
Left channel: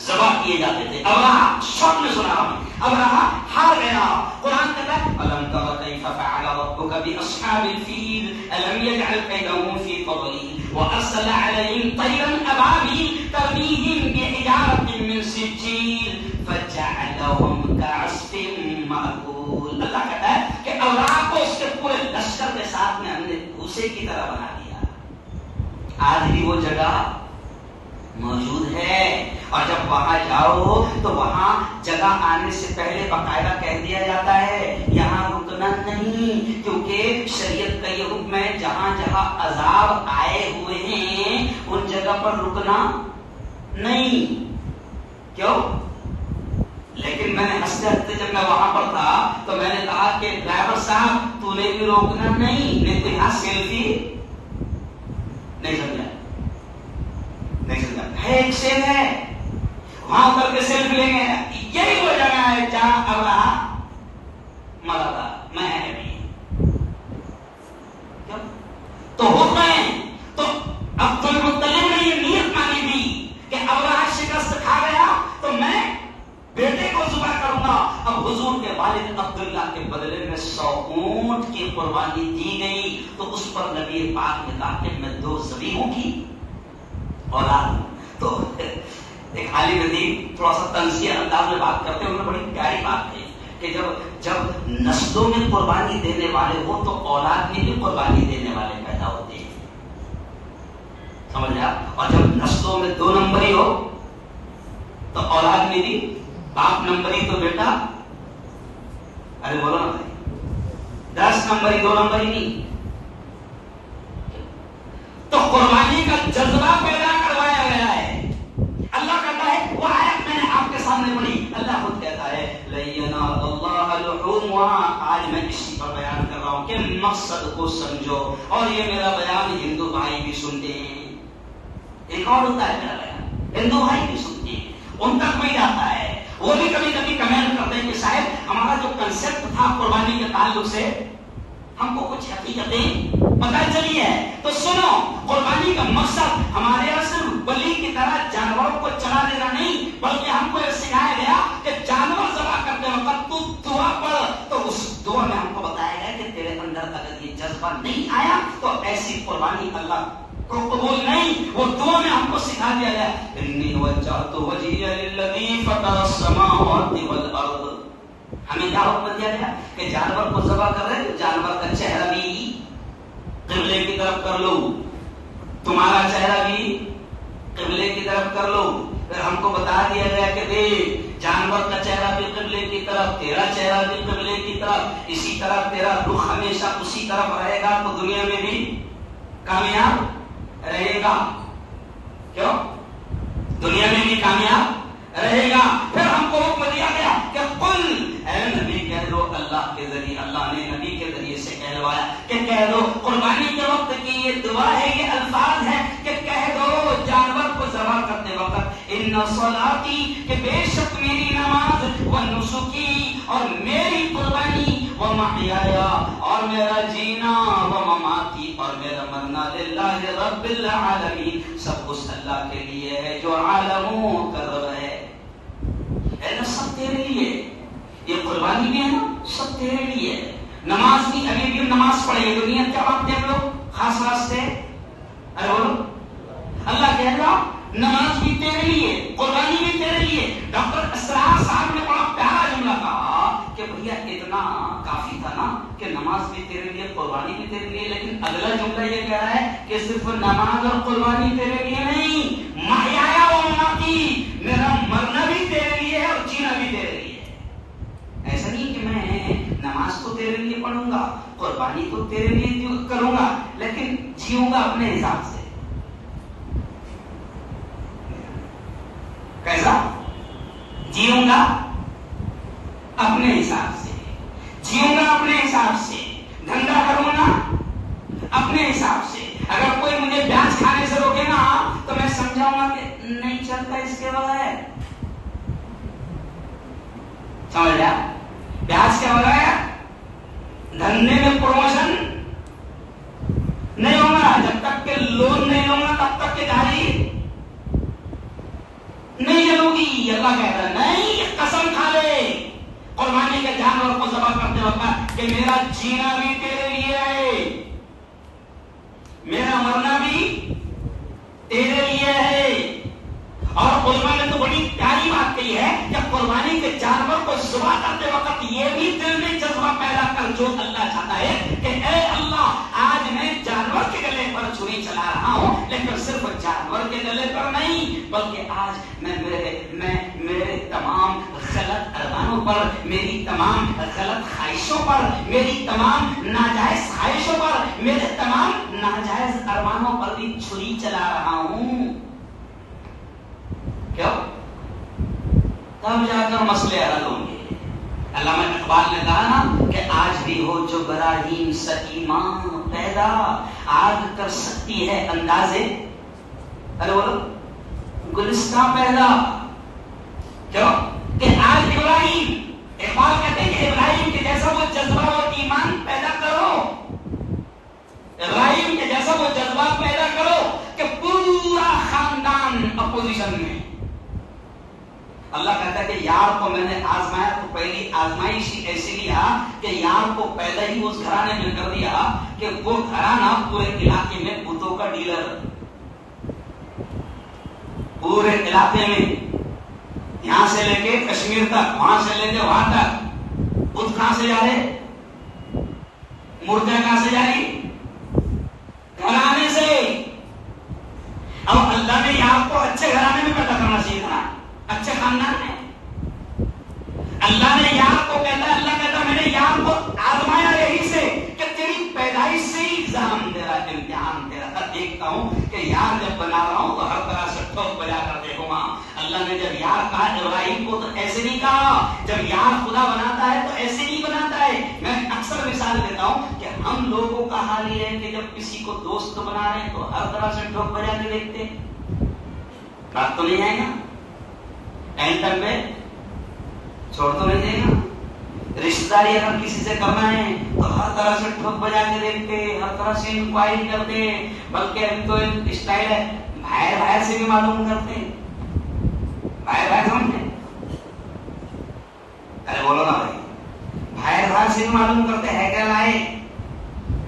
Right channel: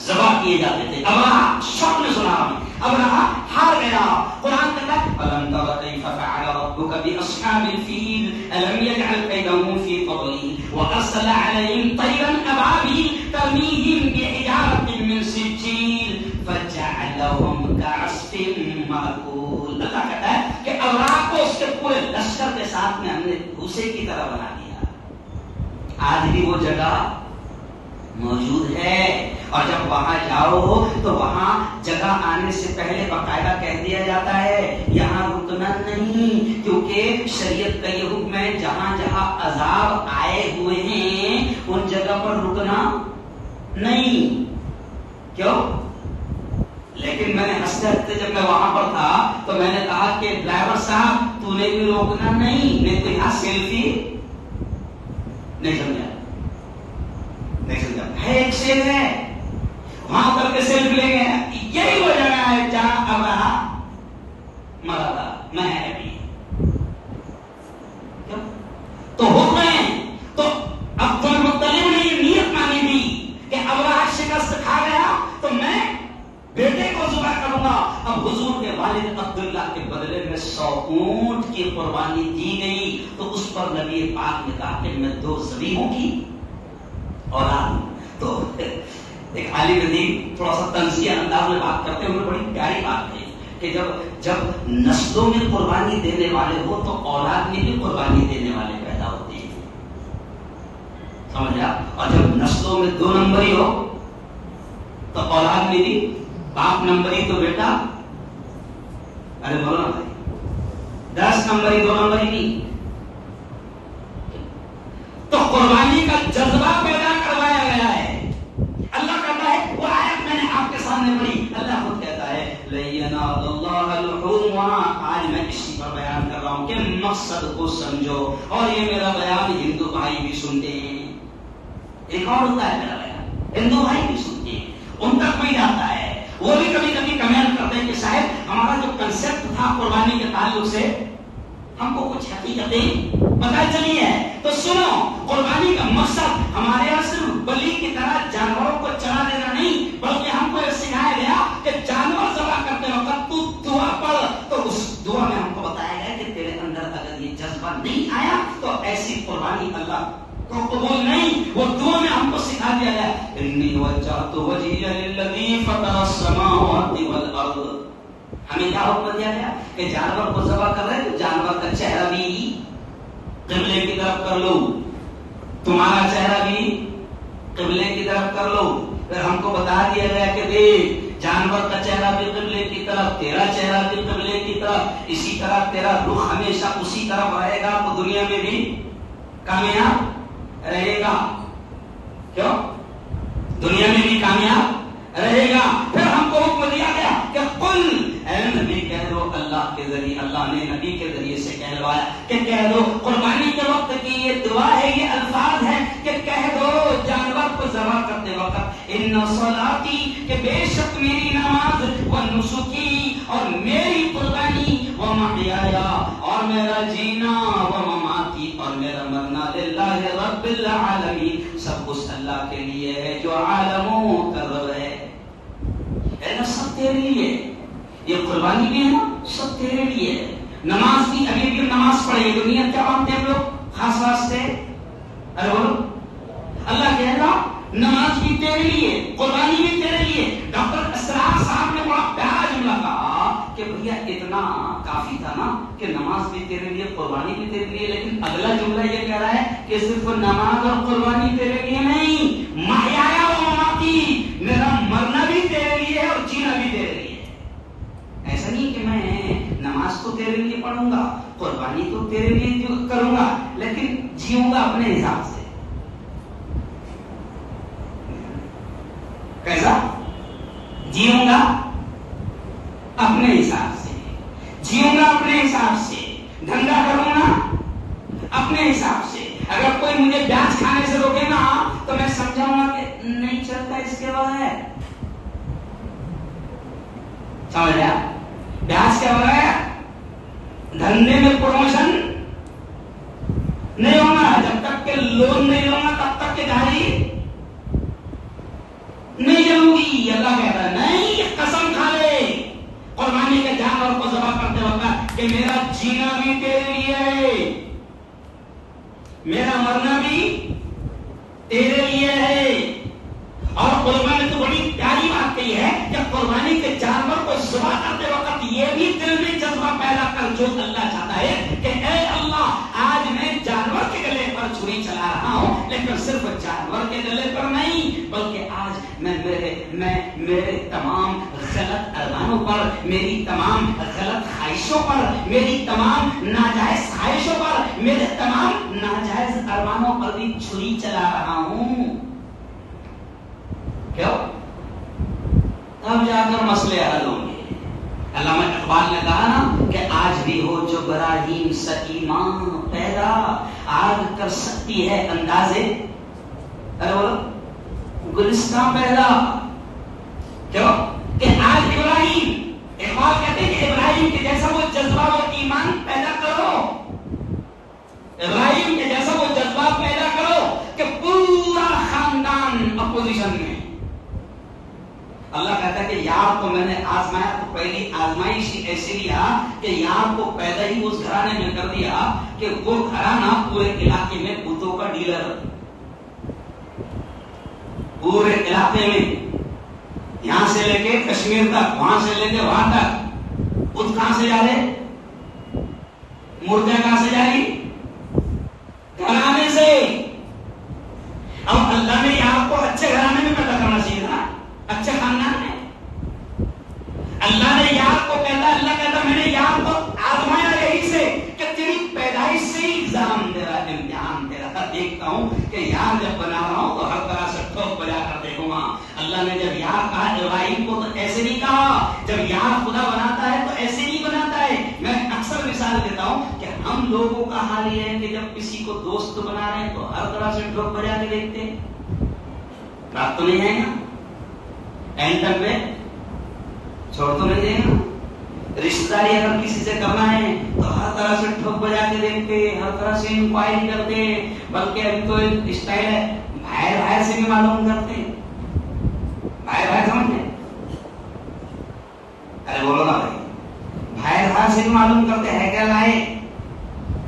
ذبح کیے جاتے تھے. ابراہیم سب نے سنا، ابراہیم ہار گیا. قرآن کہتا ہے الم تر کیف فعل ربک باصحاب الفیل الم یجعل کیدہم فی تضلیل وارسل علیہم طیرا ابابیل ترمیہم بحجارۃ من سجیل فجعلہم کعصف مأکول. اللہ کہتا ہے کہ ابراہیم کو اس کے پورے لشکر کے ساتھ میں ہم نے بھوسے کی طرح بنا دیا. آج بھی وہ جگہ موجود ہے اور جب وہاں جاؤ تو وہاں جگہ آنے سے پہلے باقاعدہ کہہ دیا جاتا ہے یہاں رکنا نہیں، کیونکہ شریعت کا یہ حکم ہے جہاں جہاں عذاب آئے ہوئے ہیں ان جگہ پر رکنا نہیں. کیوں؟ لیکن میں نے ہنستے ہنستے جب میں وہاں پر تھا تو میں نے کہا کہ ڈرائیور صاحب تو نے بھی روکنا نہیں. میں تو یہاں سیلفی نہیں سمجھا، نہیں سمجھا. ہے ایک سیل ہے وہاں اتر کے سیلفی لیں گے. یہی وہ جگہ ہے جہاں ابراہیم مرا تھا. میں ہے بھی تو ہو گئے. تو عبد المطلب نے یہ نیت مانی تھی کہ ابراہیم شکست کھا گیا تو میں بیٹے کو ذبح کروں گا. اب حضور کے والد عبداللہ کے بدلے میں 100 اونٹ کی قربانی دی گئی. تو اس پر نبی پاک نے کہا کہ میں 2 ذبیحوں کی اولاد. تو ایک عالم دین تھوڑا سا تنزیہ انداز میں بات کرتے ہیں، انہوں نے بڑی پیاری بات کہی کہ جب نسلوں میں قربانی دینے والے ہو تو اولاد میں بھی قربانی دینے والے پیدا ہوتے ہیں. سمجھا؟ اور جب نسلوں میں 2 نمبری ہو تو اولاد میں بھی باپ نمبری تو بیٹا، ارے بولو نا بھائی، 10 نمبری 2 نمبری نہیں. تو قربانی کا جذبہ پیدا کروایا گیا ہے. اللہ کہتا ہے وہ آیت میں نے آپ کے سامنے پڑھی. اللہ خود کہتا ہے لَن يَنَالَ اللَّهَ لُحُومُهَا. آج میں اسی پر بیان کر رہا ہوں کہ مقصد کو سمجھو. اور یہ میرا بیان ہندو بھائی بھی سنتے ہیں. ایک اور ہوتا ہے میرا بیان ہندو بھائی بھی سنتے ہیں، ان تک بھی جاتا ہے. وہ بھی کبھی کبھی کمنٹ کرتے ہیں کہ صاحب ہمارا جو کنسپٹ تھا قربانی کے تعلق سے ہم کو کچھ حقیقتیں پتہ چلی ہے. تو سنو، قربانی کا مقصد ہمارے یہاں صرف بلی کی طرح جانوروں کو چلا دینا نہیں، بلکہ ہم کو یہ سکھایا گیا کہ جانور ذبح کرتے وقت تو دعا پڑھ. تو اس دعا میں ہم کو بتایا گیا کہ تیرے اندر اگر یہ جذبہ نہیں آیا تو ایسی قربانی اللہ کو قبول نہیں. وہ دعا میں ہم کو سکھا دیا گیا انی وجہت وجہی للذی فطر السماوات والارض. ہمیں کیا حکم دیا گیا کہ جانور کو ذبح کر رہے تو جانور کا چہرہ بھی قبلے کی طرف کر لو، تمہارا چہرہ بھی قبلے کی طرف کر لو. پھر ہم کو بتا دیا گیا کہ دیکھ جانور کا چہرہ بھی قبلے کی طرف، تیرا چہرہ بھی قبلے کی طرف، اسی طرح تیرا رخ ہمیشہ اسی طرف رہے گا تو دنیا میں بھی کامیاب رہے گا. کیوں؟ دنیا میں بھی کامیاب رہے گا. پھر ہم کو حکم دیا گیا کہ قل، اے نبی کہہ دو اللہ کے ذریعے، اللہ نے نبی کے ذریعے سے کہلوایا کہ کہہ دو قربانی کے وقت کی یہ دعا ہے، یہ الفاظ ہے کہ کہہ دو جانور کو ذبح کرتے وقت ان صلاتی، کہ بے شک میری نماز، و نسکی، اور میری قربانی، و محیایا، اور میرا جینا، و مماتی، اور میرا مرنا، للہ رب العالمین، سب اس اللہ کے لیے ہے جو عالموں کا رب ہے. اے نا سب تیرے لیے، یہ قربانی بھی ہے نا سب تیرے لیے. نماز کی ابھی بھی نماز پڑھیں گے تو نیت کیا مانگتے ہیں ہم لوگ خاص واسطے؟ ارے بولو اللہ کہہ رہا نماز بھی تیرے لیے، قربانی بھی تیرے لیے. ڈاکٹر اسرار صاحب نے بڑا پیارا جملہ کہا کہ بھیا اتنا کافی تھا نا کہ نماز بھی تیرے لیے، قربانی بھی تیرے لیے، لیکن اگلا جملہ یہ کہہ رہا ہے کہ صرف نماز اور قربانی تیرے لیے نہیں، محیایا و مماتی، میرا مرنا بھی تیرے لیے ہے اور جینا بھی تیرے لیے. ایسا نہیں کہ میں نماز کو تیرے لیے پڑھوں گا، قربانی تو تیرے لیے کروں گا، لیکن جیوں گا اپنے حساب سے. کیسا جیوں گا؟ اپنے حساب سے. جیوں گا اپنے حساب سے، دھندا کروں گا اپنے حساب سے. اگر کوئی مجھے پیاز کھانے سے روکے نا تو میں سمجھاؤں گا کہ نہیں چلتا اس کے بغیر. سمجھ گیا؟ پیاز کے بغیر دھندے میں پروموشن نہیں ہوگا. جب تک کہ لون نہیں ہوگا تب تک کہ گاڑی نہیں چلوگی. اللہ کہتا ہے نہیں، قسم کھا لے قربانی کے جانور کو ذبح کرتے وقت کہ میرا جینا بھی تیرے لیے ہے، میرا مرنا بھی تیرے لیے ہے. اور قربانی تو بڑی پیاری بات کہی ہے کہ قربانی کے جانور کو ذبح کرتے وقت یہ بھی دل میں جذبہ پیدا کر جو اللہ چاہتا ہے کہ اے اللہ آج میں جانور کے گلے پر چھری چلا رہا ہوں، لیکن صرف جانور کے گلے پر نہیں بلکہ آج میں میرے تمام غلط ارمانوں پر، میری تمام غلط خواہشوں پر، میری تمام ناجائز خواہشوں پر، میرے تمام ناجائز ارمانوں پر بھی چھری چلا رہا ہوں. کیوں؟ تب جا کر مسئلے حل ہوں گے. علامہ اقبال نے کہا نا کہ آج بھی ہو جو براہیم سکیماں پیدا، آگ کر سکتی ہے اندازے ارے بولو گلستان پیدا. کیوں کہ آج ابراہیم، اقبال کہتے ہیں کہ ابراہیم کے جیسا وہ جذبہ و ایمان پیدا کرو، ابراہیم کے جیسا وہ جذبہ پیدا کرو کہ پورا خاندان اپوزیشن میں. اللہ کہتا ہے کہ یار کو میں نے آزمایا تو پہلی آزمائش ایسی لیا کہ یار کو پیدا ہی اس گھرانے میں کر دیا کہ وہ گھرانہ پورے علاقے میں بتوں کا ڈیلر، پورے علاقے میں یہاں سے لے کے کشمیر تک، وہاں سے لے کے وہاں تک بت کہاں سے جا رہے، مورتیاں کہاں سے جا رہی، گھرانے سے. اب اللہ نے یار کو اچھے گھرانے میں پیدا کرنا چاہیے تھا، اچھے خاندان میں. اللہ نے یار کو اللہ کہتا میں نے یار کو آزمایا یہی سے کہ تیری پیدائش سے ہی ایگزام تیرا، امتحان تیرا. دیکھتا ہوں کہ یار جب بنا رہا ہوں تو ہر طرح سے ٹھوک بجا کر دیکھوں گا. اللہ نے جب یار کہا ابراہیم کو تو ایسے نہیں کہا، جب یار خدا بناتا ہے تو ایسے نہیں بناتا ہے. میں اکثر مثال دیتا ہوں کہ ہم لوگوں کا حال یہ ہے کہ جب کسی کو دوست بنا رہے ہیں تو ہر طرح سے ٹھوک بجا کے دیکھتے. بات تو نہیں ہے نا، اینڈ تک میں چھوڑ تو نہیں دے گا. رشتہ داری اگر کسی سے کرنا ہے تو ہر طرح سے ٹھوک بجا کے دیکھتے، ہر طرح سے انکوائری کرتے، بلکہ ابھی تو اسٹائل ہے بھائی بھائی سے بھی معلوم کرتے. بھائی بھائی سمجھتے؟ ارے بولو نا بھائی، بھائی بھائی سے بھی معلوم کرتے ہے کیا لائے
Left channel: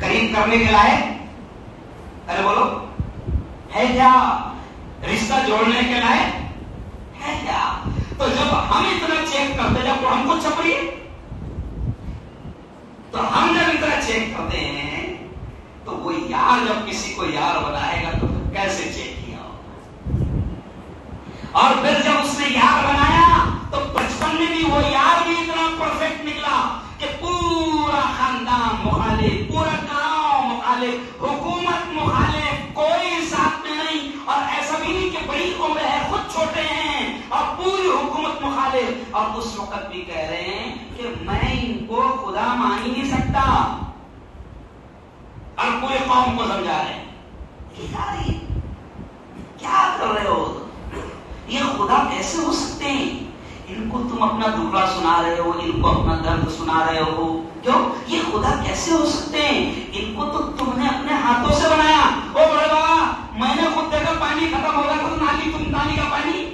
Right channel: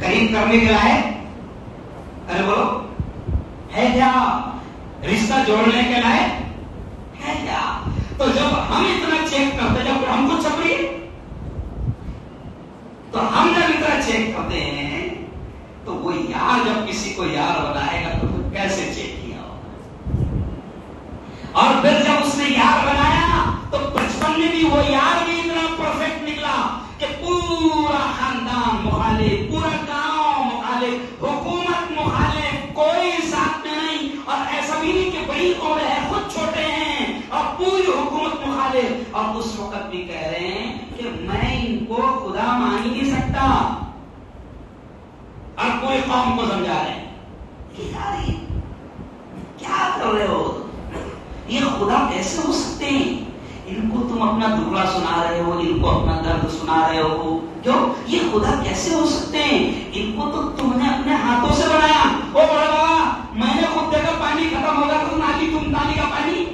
قریب کرنے کے لائے. ارے بولو ہے کیا رشتہ جوڑنے کے لائے ہے کیا. تو جب ہم اتنا چیک کرتے، جب ہم کو چھپری تو ہم جب اتنا چیک کرتے ہیں تو وہ یار جب کسی کو یار بنائے گا تو کیسے چیک کیا ہوگا. اور پھر جب اس نے یار بنایا تو بچپن میں بھی وہ یار بھی اتنا پرفیکٹ نکلا کہ پورا خاندان مخالف، پورا گاؤں مخالف، حکومت مخالف، کوئی ساتھ میں نہیں. اور ایسا بھی نہیں کہ بڑی عمر ہے خود چھوٹے ہیں اور پوری حکومت مخالف، اور اس وقت بھی کہہ رہے ہیں کہ میں ان کو خدا مان ہی نہیں سکتا. اور پوری قوم کو سمجھا رہے ہیں کہ یار کیا کر رہے ہو، یہ خدا کیسے ہو سکتے ہیں. ان کو تم اپنا دکھڑا سنا رہے ہو، ان کو اپنا درد سنا رہے ہو. کیوں؟ یہ خدا کیسے ہو سکتے ہیں، ان کو تو تم نے اپنے ہاتھوں سے بنایا. او بڑے بابا میں نے خود دیکھا پانی ختم ہو گیا تو نالی کا پانی،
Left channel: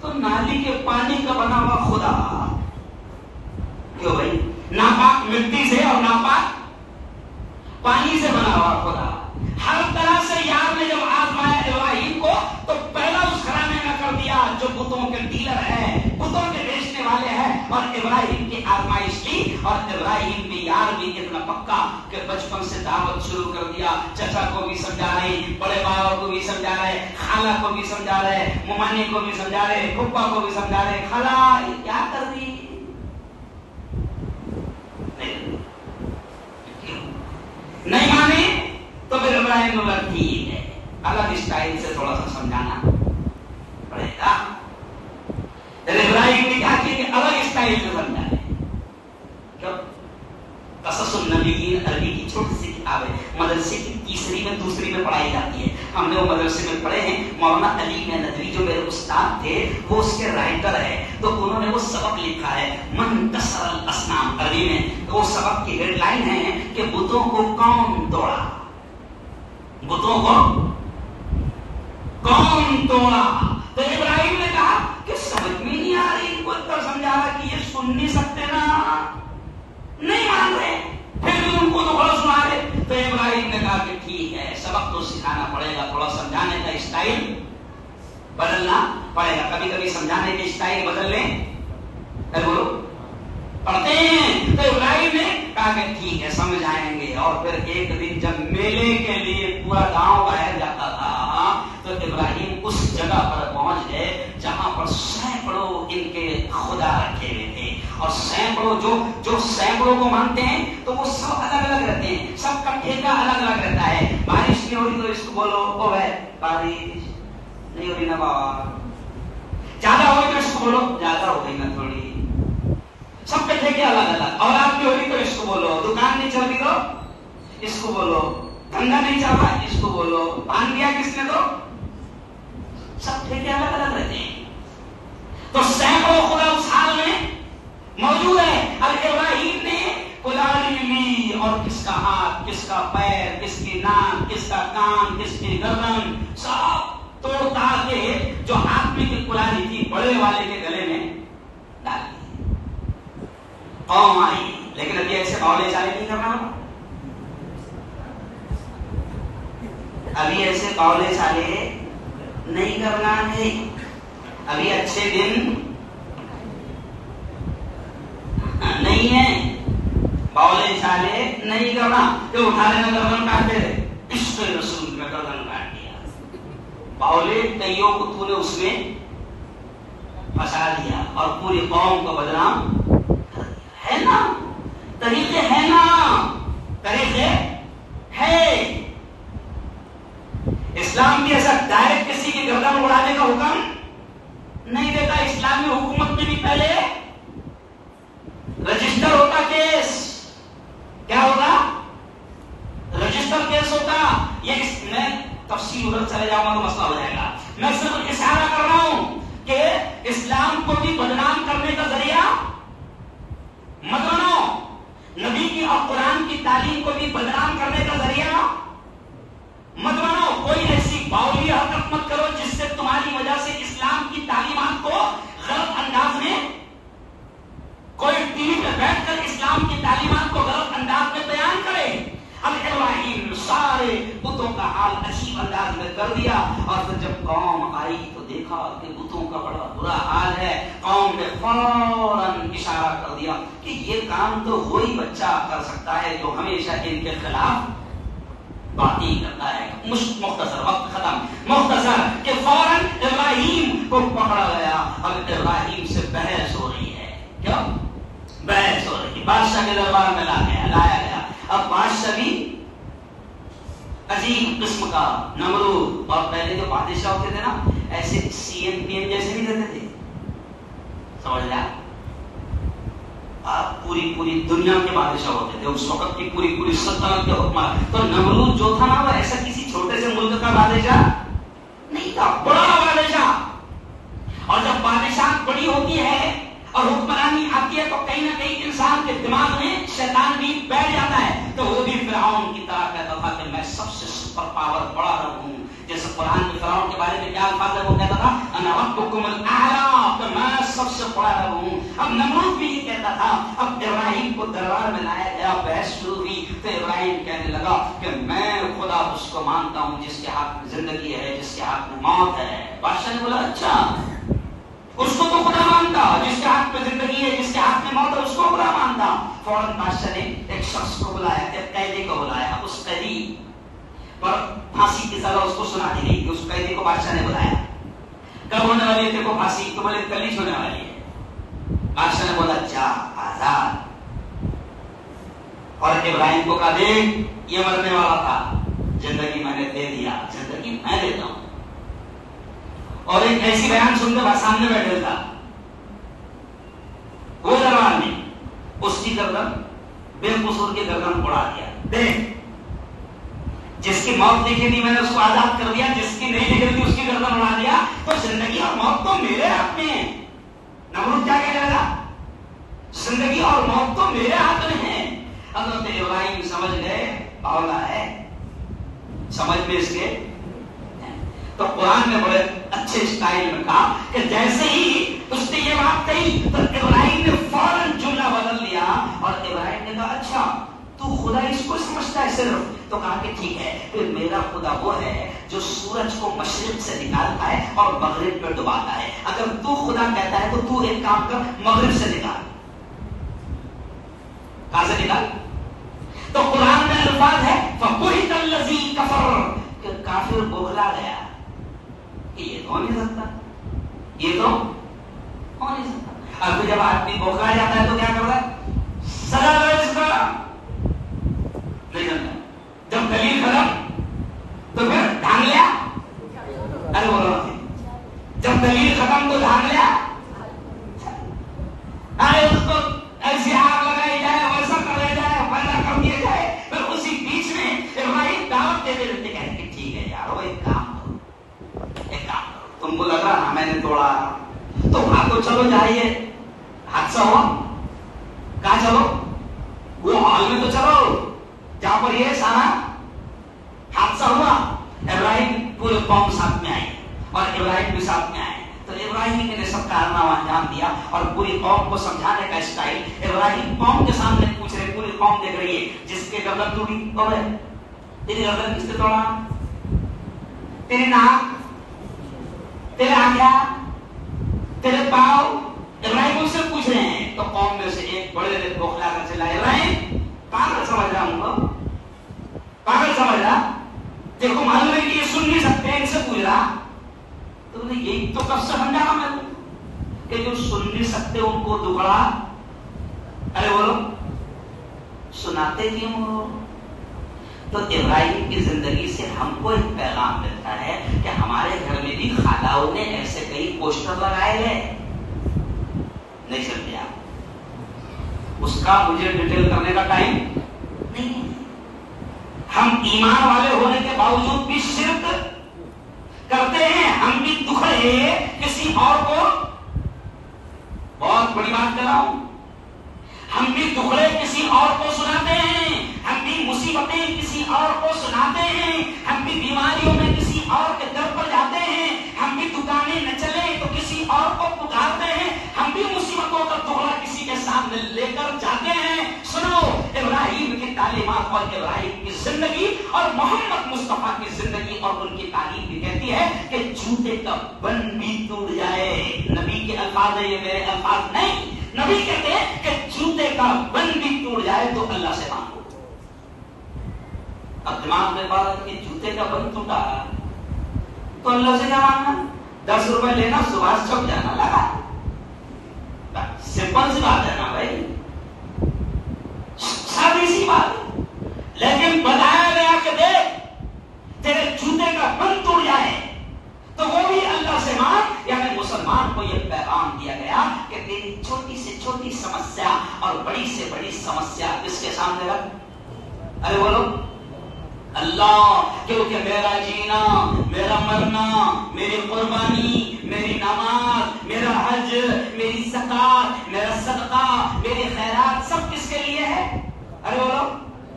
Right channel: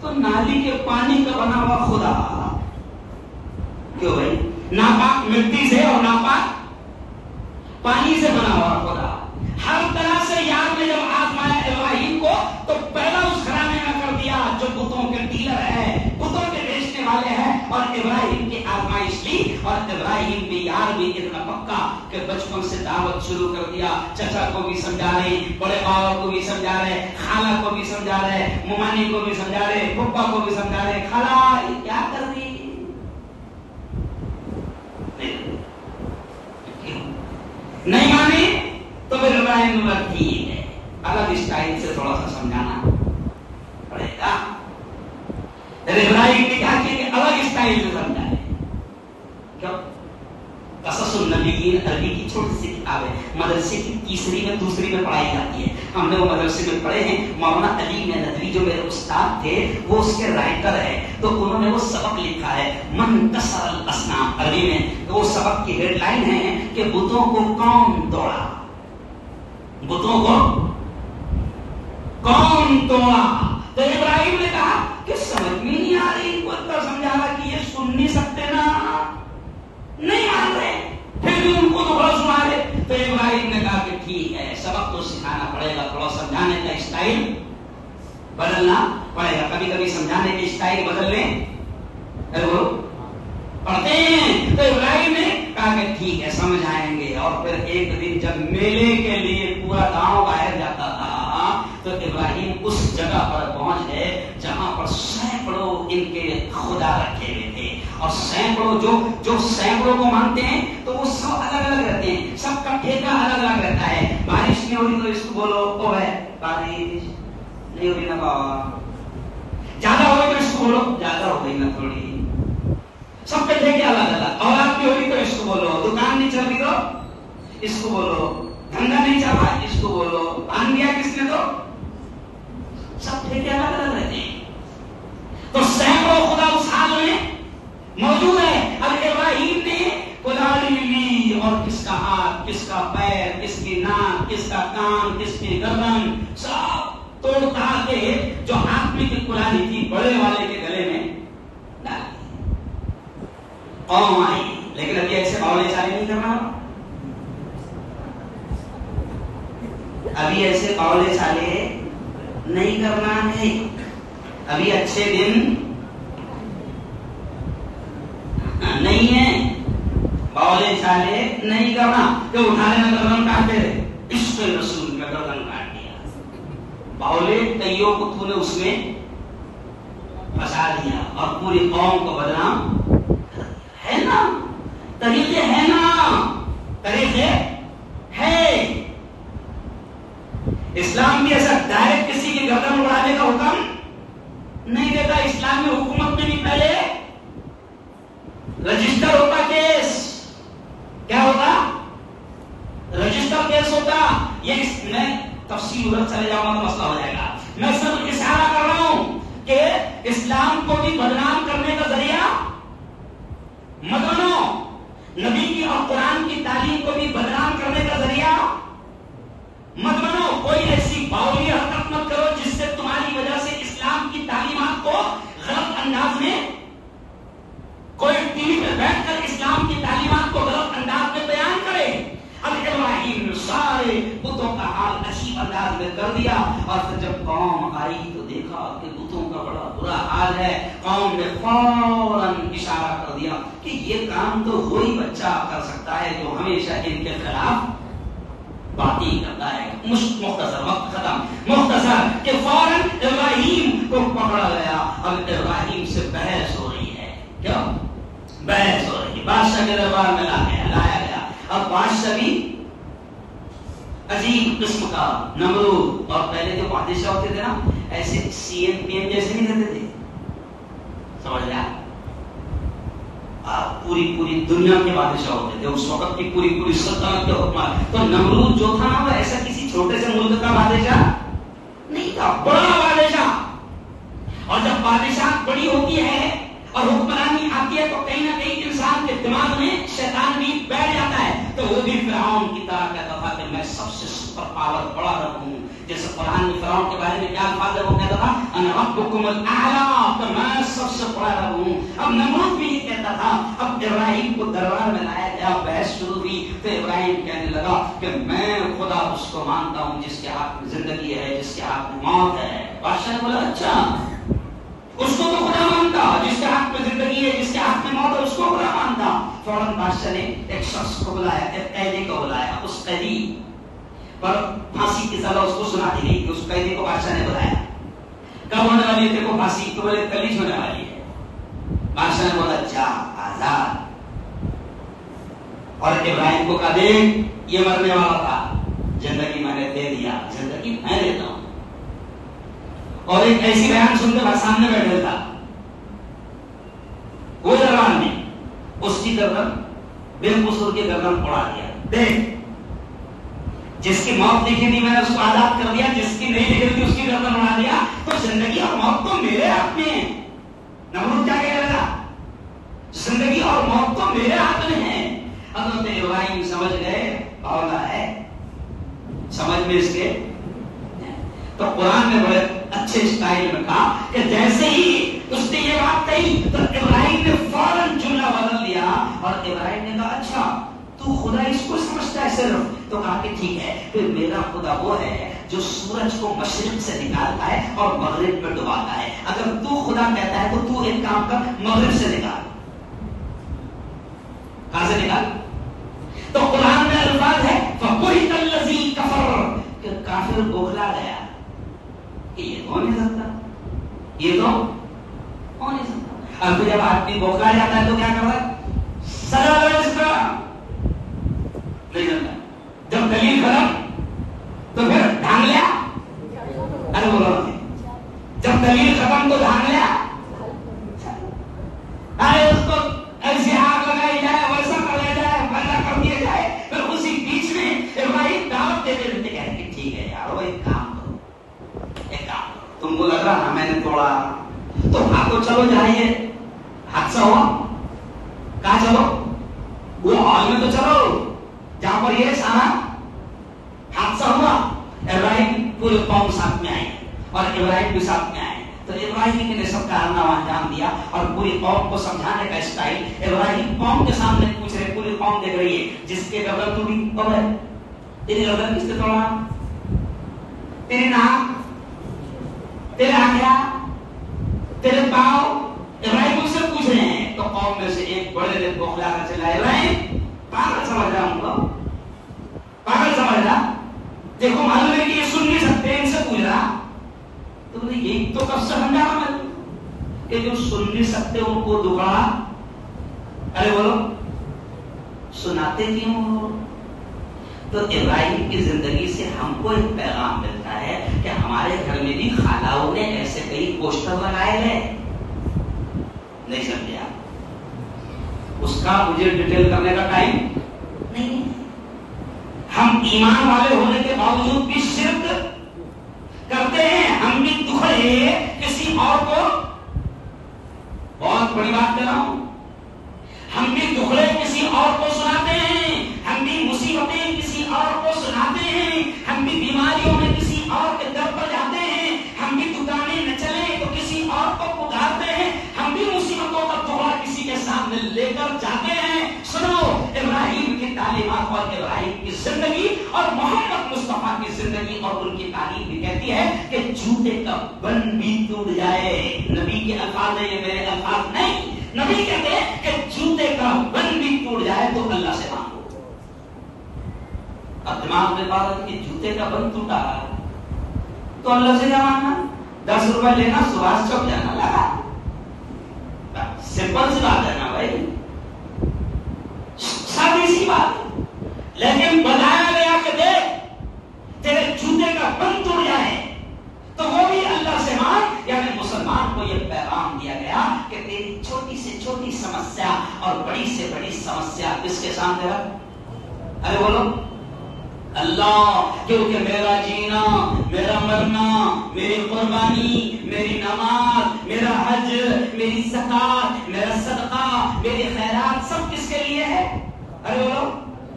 تو نالی کے پانی کا بنا ہوا خدا. کیوں بھائی؟ ناپاک مٹی اور ابراہیم بھی یار بھی اتنا پکا کہ بچپن سے دعوت شروع کر دیا. چچا کو بھی سمجھا رہے, بڑے باوا کو بھی سمجھا رہے, خالہ کو بھی سمجھا رہے, ممانی کو بھی سمجھا رہے, پھپھا کو بھی سمجھا رہے, خالہ یہ کیا کر رہی ہے. نہیں مانے تو پھر ابراہیم نے بولا ٹھیک ہے, الگ اسٹائل سے تھوڑا سا سمجھانا پڑے گا. ابراہیم نے کہا کہ الگ اسٹائل سے سمجھائے. کیوں؟ قصص النبیین عربی کی چھوٹی سی کتاب ہے, مدرسے کی تیسری میں دوسری میں پڑھائی جاتی ہے. ہم نے وہ مدرسے میں پڑھے ہیں. مولانا علی ندوی جو میرے استاد تھے وہ اس کے رائٹر ہے, تو انہوں نے وہ سبق لکھا ہے من کسر الاصنام عربی میں. تو وہ سبق کی ہیڈ لائن ہے کہ بتوں کو کون توڑا, بتوں کو کون توڑا. تو ابراہیم نے کہا کہ سمجھ میں نہیں آ رہی, کو سمجھا رہا کہ یہ سن نہیں سکتے نا, نہیں مان رہے, پھر بھی تم کو تو بڑا سنا رہے. تو ابراہیم نے کہا کہ ٹھیک ہے, سبق تو سکھانا پڑے گا, تھوڑا سمجھانے کا اسٹائل بدلنا پڑے گا. کبھی کبھی سمجھانے کے اسٹائل بدل لیں, بولو پڑھتے ہیں. تو ابراہیم نے کہا کہ ٹھیک ہے سمجھ آئیں گے. اور پھر ایک دن جب میلے کے لیے پورا گاؤں باہر جاتا تھا تو ابراہیم اس جگہ پر پہنچ گئے جہاں پر سینکڑوں ان کے خدا رکھے ہوئے تھے. اور سینکڑوں جو سینکڑوں کو مانتے ہیں تو وہ سب الگ الگ رہتے ہیں, سب کا ٹھیکہ الگ الگ رہتا ہے. بارش نہیں ہو رہی تو اس کو بولو او ہے بارش نہیں ہو رہی نا بابا, زیادہ ہو گئی تو اس کو بولو زیادہ ہو گئی نا تھوڑی. سب کے ٹھیکے الگ الگ. اولاد کی ہو رہی تو اس کو بولو, دکان نہیں چل رہی تو اس کو بولو, دھندا نہیں چل رہا اس کو بولو, پان دیا کس نے تو سب ٹھیکے الگ الگ رہتے ہیں. تو سینکڑوں خدا اس حال میں موجود ہے. اب ابراہیم نے کلاڑی لی اور کس کا ہاتھ, کس کا پیر, کس کی ناک, کس کا کان, کس کی گردن, سب توڑتا کے جو ہاتھ میں کی کلاڑی تھی بڑے والے کے گلے میں ڈال دی. قوم آئی, لیکن ابھی ایسے مولے چالے نہیں کرنا, ابھی ایسے قولے چالے نہیں کرنا ہے. ابھی اچھے دن نہیں ہے, قولے چالے نہیں کرنا. کہ اٹھا لینا گردن کاٹ دے, عشق رسول میں گردن کاٹ دیا. قولے کئیوں کو تو نے اس میں پھنسا دیا اور پوری قوم کو بدنام کر دیا. ہے نا طریقے, ہے نا طریقے ہے. اسلام بھی ایسا ڈائریکٹ کسی کی گردن اڑانے کا حکم نہیں دیتا. اسلامی حکومت میں بھی پہلے رجسٹر ہوتا, کیس کیا ہوتا, رجسٹر کیس ہوتا. یہ میں تفصیل ادھر چلے جاؤں گا تو مسئلہ ہو جائے گا. میں صرف اشارہ کر رہا ہوں کہ اسلام کو بھی بدنام کرنے کا ذریعہ مت بنو, نبی کی اور قرآن کی تعلیم کو بھی بدنام کرنے کا ذریعہ مت بنو. کوئی ایسی باولی حرکت مت کرو جس سے تمہاری وجہ سے اسلام کی تعلیمات کو غلط انداز میں, کوئی ٹی وی پہ بیٹھ کر اسلام کی تعلیمات کو غلط انداز میں بیان کرے. اب ابراہیم نے سارے بتوں کا حال عجیب انداز میں کر دیا. اور پھر جب قوم آئی تو دیکھا کہ بتوں کا بڑا برا حال ہے. قوم نے فوراً اشارہ کر دیا کہ یہ کام تو وہی بچہ کر سکتا ہے جو ہمیشہ ان کے خلاف باتیں کرتا ہے. مختصر وقت ختم, مختصر کہ فوراً ابراہیم کو پکڑا گیا. اب ابراہیم سے بحث ہو رہی ہے. کیا بحث ہو رہی ہے؟ بادشاہ کے دربار میں لایا گیا. اب بادشاہ بھی عجیب قسم کا, نمرود. اور پہلے جو بادشاہ ہوتے تھے نا ایسے سی ایم پی ایم جیسے نہیں رہتے تھے, سمجھ لیا, پوری دنیا کے بادشاہ ہوتے تھے اس وقت کی, پوری سلطنت کے حکمران. تو نمرود جو تھا نا وہ ایسا کسی چھوٹے سے ملک کا بادشاہ نہیں تھا, بڑا بادشاہ. اور جب بادشاہ بڑی ہوتی ہے اور حکمرانی آتی ہے تو کہیں نہ کہیں انسان کے دماغ میں شیطان بھی بیٹھ جاتا ہے. تو وہ بھی فرعون کی طرح کہتا تھا کہ میں سب سے سپر پاور بڑا رب ہوں. جیسے قرآن میں فرعون کے بارے میں کیا الفاظ ہے, وہ کہتا تھا انا ربکم الاعلی, کہ میں سب سے بڑا رب ہوں. اب نمرود بھی یہ کہتا تھا. اب ابراہیم کو دربار میں لایا گیا, بحث شروع ہوئی. تو ابراہیم کہنے لگا کہ میں خدا اس کو مانتا ہوں جس کے ہاتھ میں زندگی ہے, جس کے ہاتھ میں موت ہے. بادشاہ نے بولا اچھا اس کو تو خدا مانتا, جس کے ہاتھ میں زندگی ہے, جس کے ہاتھ میں موت ہے, اس کو خدا مانتا. فوراً بادشاہ نے ایک شخص کو بلایا، ایک قیدی کو بلایا، اس قیدی پر پھانسی کی سزا اس کو سنا دی گئی. اس قیدی کو بادشاہ نے بلایا، کب ہونے والی ہے دیکھو پھانسی؟ تو بولے کل ہی ہونے والی ہے. بادشاہ نے بولا جا آزاد. اور ابراہیم کو کہا دیکھ یہ مرنے والا تھا، زندگی میں نے دے دیا، زندگی میں دیتا ہوں. اور ایک ایسی بیان سنتے ہوئے سامنے بیٹھے تھا وہ جوان نے اس کی گردن بے قصور کی گردن اڑا دیا. دیکھ جس کی موت لکھی تھی میں نے اس کو آزاد کر دیا، جس کی نہیں لکھی تھی اس کی گردن اڑا دیا. تو زندگی اور موت تو میرے ہاتھ میں ہے. نمرود کیا کہہ رہا تھا؟ زندگی اور موت تو میرے ہاتھ میں ہے. حضرت ابراہیم سمجھ گئے باولا ہے، سمجھ میں اس کے. تو قرآن نے بڑے اچھے اسٹائل میں کہا کہ جیسے ہی اس نے یہ بات کہی تو ابراہیم نے فوراً جملہ بدل دیا. اور ابراہیم نے کہا اچھا تو خدا اس کو سمجھتا ہے صرف؟ تو کہا کہ ٹھیک ہے، پھر میرا خدا وہ ہے جو سورج کو مشرق سے نکالتا ہے اور مغرب پہ ڈباتا ہے. اگر تو خدا کہتا ہے تو تو ایک کام کر، مغرب سے نکال. کہاں سے نکال؟ تو قرآن میں الفاظ ہے فَبُهِتَ الَّذِي كَفَرَ، کہ کافر بوکھلا گیا کہ یہ تو نہیں سکتا، یہ تو ہو نہیں سکتا. اور پھر جب آدمی بوکھلا جاتا ہے تو کیا کرتا ہے؟ سزا دو اس کا. نہیں جانتا. جب دلیل ختم تو پھر ڈھانگ لیا. ارے بولو نہیں. جب دلیل ختم تو ڈھانگ لیا. ارے اس کو ایسی آگ لگائی جائے، ویسا کر جائے، پیدا کر دیا جائے. پھر اسی بیچ میں ابراہیم دعوت دے دیتے ہیں کہ ٹھیک ہے یارو ایک کام کرو، ایک کام کرو. تم کو لگ رہا میں نے توڑا تو بھاگو، چلو جائیے. حادثہ ہوا کہاں چلو؟ وہ ہال میں تو چلو جہاں پر یہ سارا حادثہ ہوا. ابراہیم پورے قوم ساتھ میں آئے اور ابراہیم بھی ساتھ میں آئے. تو ابراہیم نے سب کارنامہ انجام دیا اور پوری قوم کو سمجھانے کا اسٹائل. ابراہیم قوم کے سامنے پوچھ رہے، پوری قوم دیکھ رہی ہے جس کے گردن ٹوٹی کون ہے؟ تیری گردن کس نے توڑا؟ تیری ناک، تیرے آنکھیں، تیرے پاؤں. ابراہیم ان سے پوچھ رہے ہیں. تو قوم میں سے ایک بڑے دن بوکھلا کر چلا، ابراہیم پاگل سمجھ رہا ہوں گا، پاگل سمجھ رہا. دیکھو معلوم ہے کہ یہ سن نہیں سکتے، ان سے پوچھ رہا. تو بولے یہی تو کب سے سمجھا رہا میں کہ جو سن نہیں سکتے ان کو دبڑا. ارے بولو سناتے کیوں ہو؟ تو ابراہیم کی زندگی سے ہم کو ایک پیغام ملتا ہے کہ ہمارے گھر میں بھی خالاؤں نے ایسے کئی پوسٹر لگائے ہیں. نہیں سمجھے آپ؟ اس کا مجھے ڈیٹیل کرنے کا ٹائم نہیں. ہم ایمان والے ہونے کے باوجود بھی شرک کرتے ہیں. ہم بھی دکھڑے کسی اور کو، بہت بڑی بات کر رہا ہوں، ہم بھی دکھڑے کسی اور کو سناتے ہیں. ہم بھی مصیبتیں کسی اور کو سناتے ہیں. ہم بھی بیماریوں میں کسی اور کے در پر جاتے ہیں. ہم بھی دکانیں نہ چلیں تو کسی اور کو پکارتے ہیں. ہم بھی مصیبتوں کا ٹکڑا کسی کے سامنے لے کر جاتے ہیں. سنو ابراہیم کی تعلیمات اور ابراہیم کی زندگی اور محمد مصطفیٰ کی زندگی اور ان کی تعلیم بھی کہتی ہے کہ جوتے کا بن بھی ٹوٹ جائے. نبی کے الفاظ ہیں، یہ میرے الفاظ نہیں. نبی کہتے ہیں کہ جوتے کا بن بھی ٹوٹ جائے تو اللہ سے مانگو. اب دماغ میں بات کہ جوتے کا بن ٹوٹا تو اللہ سے کیا مانگنا؟ 10 روپے لینا، سبھاش چوک جانا، لگا. سمپل سی بات ہے نا بھائی، سادی سی بات. لیکن بتایا گیا کہ دیکھ تیرے جوتے کا بن ٹوٹ جائے تو وہ بھی اللہ سے مانگ. یعنی مسلمان کو یہ پیغام دیا گیا کہ تیری چھوٹی سے چھوٹی سمسیا اور بڑی سے بڑی سمسیا کس کے سامنے رکھ. ارے بولو اللہ. کیونکہ میرا جینا، میرا مرنا، میری قربانی، میری نماز، میرا حج، میری زکات، میرا صدقہ، میری خیرات سب کس کے لیے ہے؟ ارے بولو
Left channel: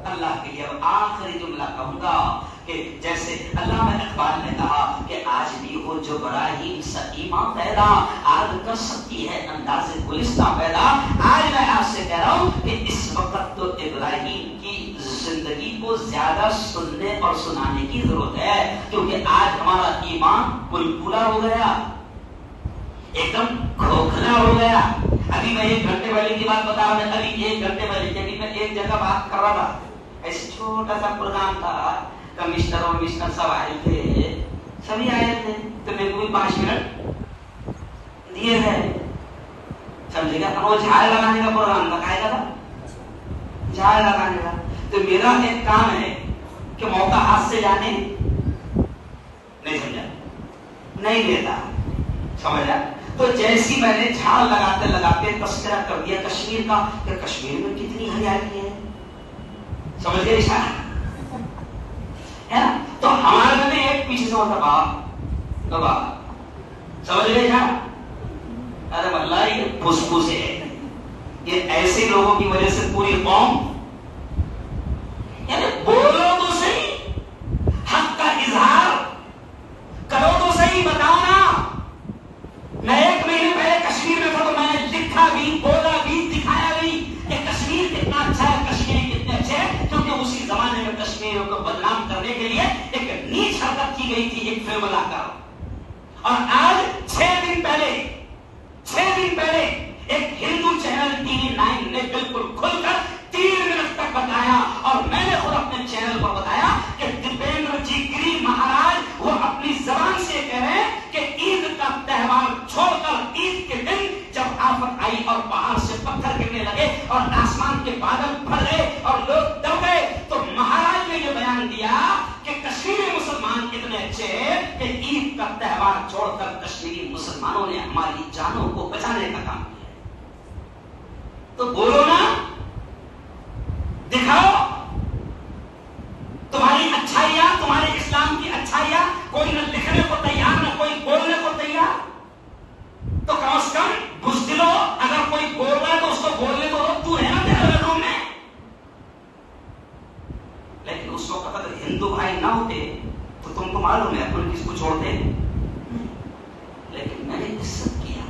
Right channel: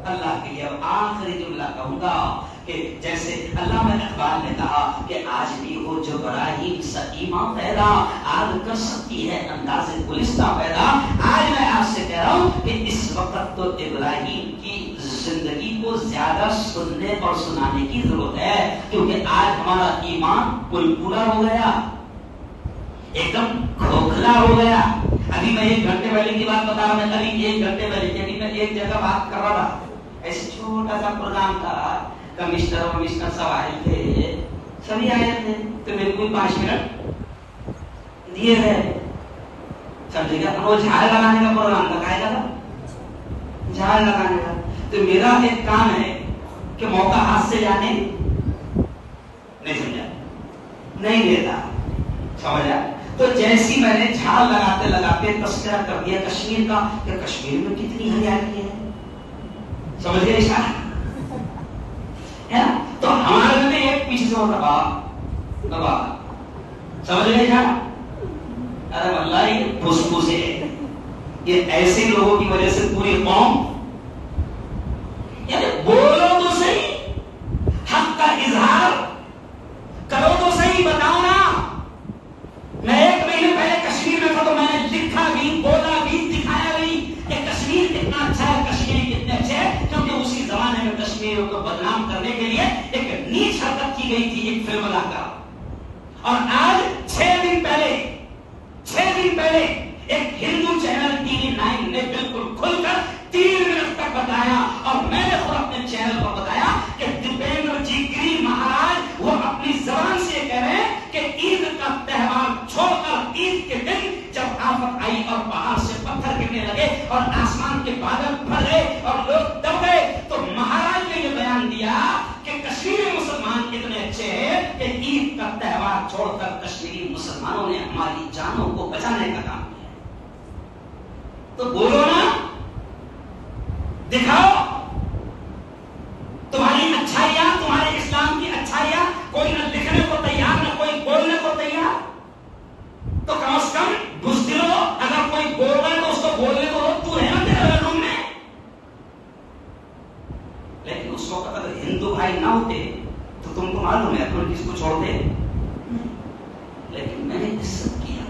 اللہ کے لیے. آخری جملہ کہوں گا کہ جیسے علامہ اقبال نے کہا کہ آج بھی وہ جو براہیم سکیمہ پیدا آج کر سکتی ہے انداز گلستہ پیدا. آج میں آپ سے کہہ رہا ہوں کہ اس وقت تو ابراہیم کی زندگی کو زیادہ سننے اور سنانے کی ضرورت ہے، کیونکہ آج ہمارا ایمان پورا ہو گیا، ایک دم کھوکھلا ہو گیا. ابھی میں 1 گھنٹے پہلے کی بات بتا رہا ہوں. ابھی 1 گھنٹے پہلے ابھی میں ایک جگہ بات کر رہا تھا. ایسے چھوٹا سا پروگرام تھا, کمشنر اور مسٹر سب آئے تھے, سبھی آئے تھے, تو میرے کو 5 منٹ دیے گئے. سمجھے گا, وہ جھاڑ لگانے کا پروگرام لگایا تھا, جھاڑ لگانے کا. تو میرا ایک کام ہے کہ موقع ہاتھ سے جانے نہیں, سمجھا نہیں لیتا, سمجھا. تو جیسی میں نے جھاڑ لگاتے لگاتے تذکرہ کر دیا کشمیر کا, کہ کشمیر میں کتنی ہریالی ہے, سمجھ گئے ہے نا. تو ہمارے میں ایک پیچھے سے ہوتا بابا, سمجھ گئے کیا. ارے واللہ یہ پھوس ہے, یہ ایسے لوگوں کی وجہ سے پوری قوم, یعنی بولو تو صحیح, حق کا اظہار کرو تو صحیح, بتاؤ نا. میں 1 مہینے پہلے کشمیر میں تھا تو میں نے لکھا بھی, بولا بھی, دکھایا بھی کہ کشمیر کتنا اچھا ہے, کشمیر کتنے اچھے ہیں, کیونکہ اسی زمانے میں کشمیریوں کو بدنام کرنے کے لیے ایک نیچ حرکت کی گئی تھی, ایک فلم لگا. اور آج 6 دن پہلے ایک ہندو چینل ٹی وی 9 نے بالکل کھل کر 3 منٹ تک بتایا, اور میں نے خود اپنے چینل پر بتایا کہ دیپیندر جی گری مہاراج وہ اپنی زبان سے کہہ رہے ہیں کہ عید کا تہوار چھوڑ کر عید کے دن جب آفت آئی اور پہاڑ سے پتھر گرنے لگے اور آسمان کے بادل پھٹ گئے اور لوگ دب گئے, تو مہاراج نے یہ بیان دیا کہ کشمیری مسلمان اتنے اچھے ہیں کہ عید کا تہوار چھوڑ کر کشمیری مسلمانوں نے ہماری جانوں کو بچانے کا کام کیا. تو بولو نا, دکھاؤ تمہاری اچھائیاں, تمہارے اسلام کی اچھائیاں. کوئی نہ لکھنے کو تیار, نہ کوئی بولنے کو تیار. تو کم از کم بزدلو, اگر کوئی بول رہا ہے تو اس کو بولنے کو تو ہے نا میرے روم میں. لیکن اس وقت اگر ہندو بھائی نہ ہوتے تو تم کو معلوم ہے تم کس کو چھوڑتے. لیکن میں نے عزت کیا,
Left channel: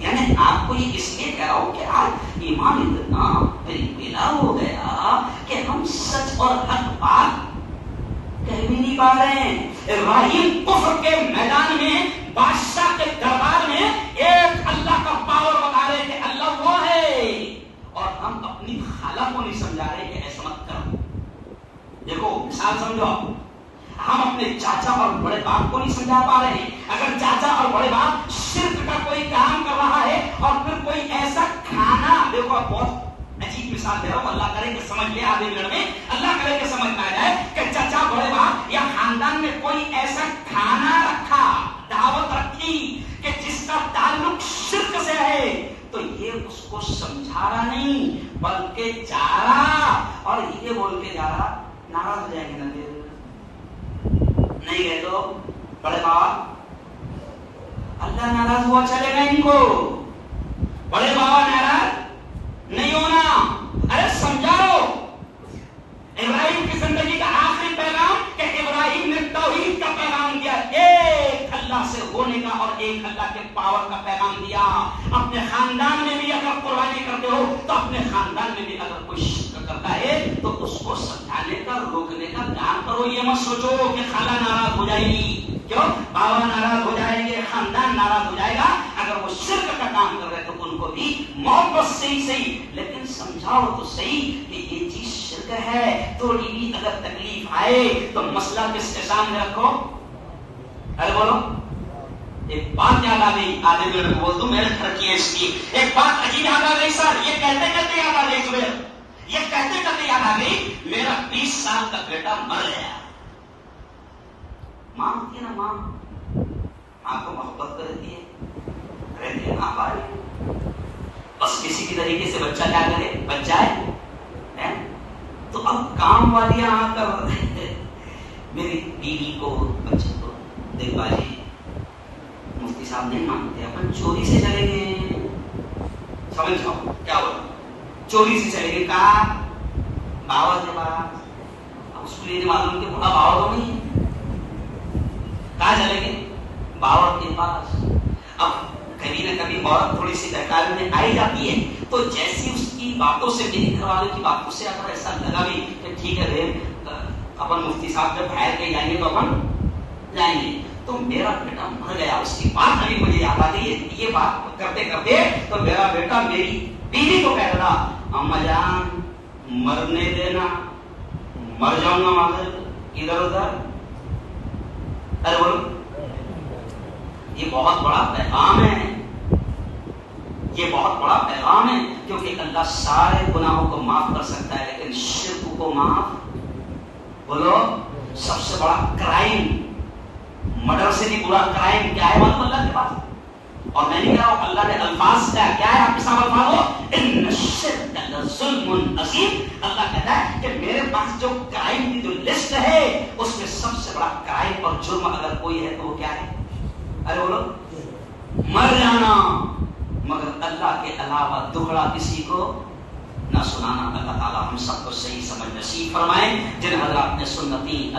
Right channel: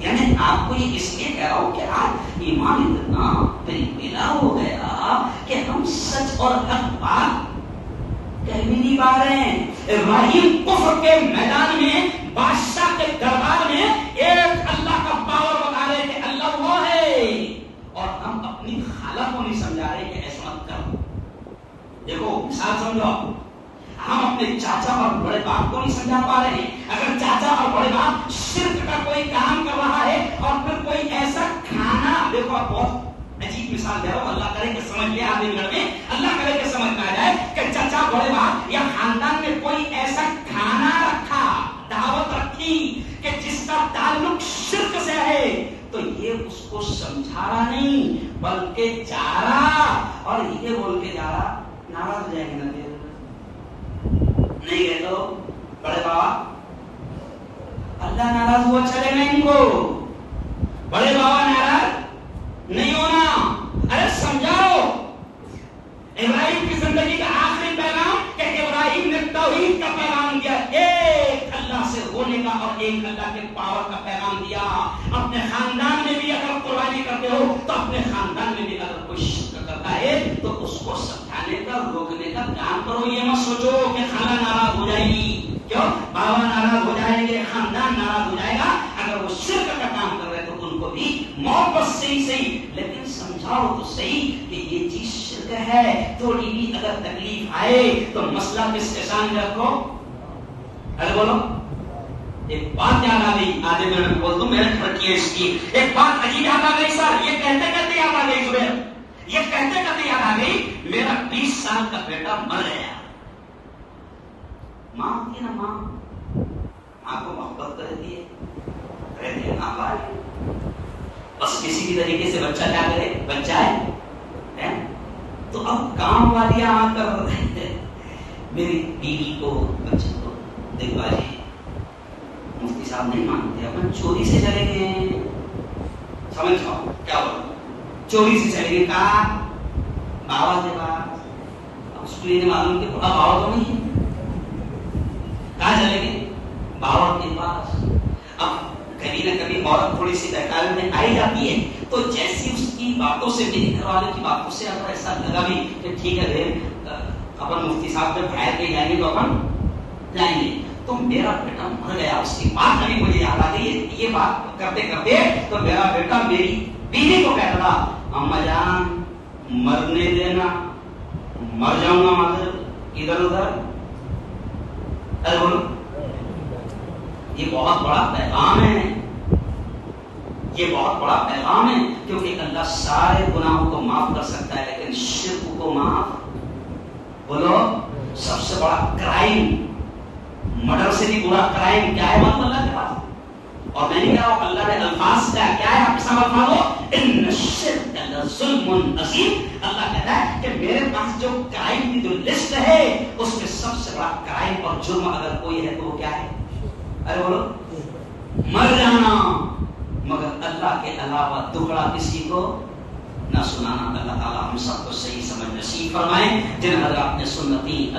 یعنی آپ کو یہ اس لیے کہہ رہا ہوں کہ آج ایمان اتنا ملا ہو گیا کہ ہم سچ اور حق بات کہہ بھی نہیں پا رہے ہیں. ابراہیم کفر کے میدان میں, بادشاہ کے دربار میں ایک اللہ کا پاور بتا رہے کہ اللہ وہ ہے, اور ہم اپنی خالہ کو نہیں سمجھا رہے کہ ایسا مت کرو. دیکھو مثال سمجھو, ہم اپنے چاچا اور بڑے باپ کو نہیں سمجھا پا رہے ہیں. اگر چاچا اور بڑے باپ شرک کا کوئی کام کر رہا ہے اور پھر کوئی ایسا کھانا, دیکھو آپ بہت عجیب مثال دے رہا ہوں, اللہ کرے کہ سمجھ لے آدھے منٹ میں, اللہ کرے کہ سمجھ میں آ جائے کہ چاچا بڑے باپ یا خاندان میں کوئی ایسا کھانا رکھا, دعوت رکھی کہ جس کا تعلق شرک سے ہے, تو یہ اس کو سمجھا رہا نہیں بلکہ جا رہا, اور یہ بول کے جا رہا, ناراض ہو جائیں گے نا پھر نہیں گئے تو بڑے بابا, اللہ ناراض ہوا چلے گا ان کو, بڑے بابا ناراض نہیں ہونا. ارے سمجھاؤ ابراہیم کی زندگی کا آخری پیغام کہ ابراہیم نے توحید کا پیغام دیا, ایک اللہ سے ہونے کا اور ایک اللہ کے پاور کا پیغام دیا. اپنے خاندان میں بھی اگر قربانی کرتے ہو تو اپنے خاندان میں بھی اگر کوئی شرک کرتا ہے تو اس کو سمجھانے کا, روکنے کا کام کرو. یہ مت سوچو کہ خالہ ناراض ہو جائے گی, کیوں بابا ناراض ہو جائیں گے, خاندان ناراض ہو جائے گا. اگر وہ شرک کا کام کر رہے تو ان کو بھی محبت سے ہی صحیح, لیکن سمجھاؤ تو صحیح کہ یہ چیز شرک ہے. تھوڑی بھی اگر تکلیف آئے تو مسئلہ کس کے سامنے رکھو. ارے بولو, ایک بات یاد آ گئی, آدھے میں بول دوں, میں نے خرچ کیا اس کی ایک بات عجیب یاد آ گئی سر, یہ کہتے کرتے یاد آ گئی, یہ کہتے کرتے یاد آ گئی. میرا 20 سال کا بیٹا مر گیا, ماں کی نا ماں, ماں کو محبت کرتی ہے, رہتی ہے ماں بھائی, بس کسی بھی طریقے سے بچہ کیا کرے, بچہ ہے. تو اب کام والیاں آ کر میری بیوی کو, بچے کو, دیکھ بھائی مفتی صاحب نہیں مانتے, اپن چوری سے چلے گئے, سمجھ جاؤ کیا بولو, چوری سے چلے گئے, کہا بابا کے پاس. اب اس کو یہ معلوم کہ بڑا بابا تو نہیں ہے, کہاں چلے گئے, بابا کے پاس. اب کبھی نہ کبھی عورت تھوڑی سی بہکار میں آئی جاتی ہے, تو جیسی اس کی باتوں سے, میری گھر والوں کی باتوں سے اگر ایسا لگا بھی کہ ٹھیک ہے اپن مفتی صاحب جب باہر کے جائیں گے تو اپن جائیں گے, تو میرا بیٹا مر گیا، اس کی بات ابھی مجھے یاد آ گئی. یہ بات کرتے کرتے تو میرا بیٹا میری بیوی کو کہتا تھا اما جان مرنے دینا، مر جاؤں گا مادر ادھر ادھر. ارے بولو، یہ بہت بڑا پیغام ہے، یہ بہت بڑا پیغام ہے. کیونکہ اللہ سارے گناہوں کو معاف کر سکتا ہے لیکن شرک کو معاف، بولو سب سے بڑا کرائم، مرڈر سے بھی برا کرائم کیا ہے معلوم اللہ کے پاس. اور میں نے کہا اللہ نے الفاظ کیا ہے، آپ کے سامنے پڑھو، ان الشرک لظلم عظیم. اللہ کہتا ہے کہ میرے پاس جو کرائم کی جو لسٹ ہے اس میں سب سے بڑا کرائم اور جرم اگر کوئی ہے تو وہ کیا ہے؟ ارے بولو، مر جانا، مگر اللہ کے علاوہ دوسرا کسی کو نہ سنانا. اللہ تعالیٰ ہم سب کو صحیح سمجھ نصیب فرمائے. جن حضرات نے سنتی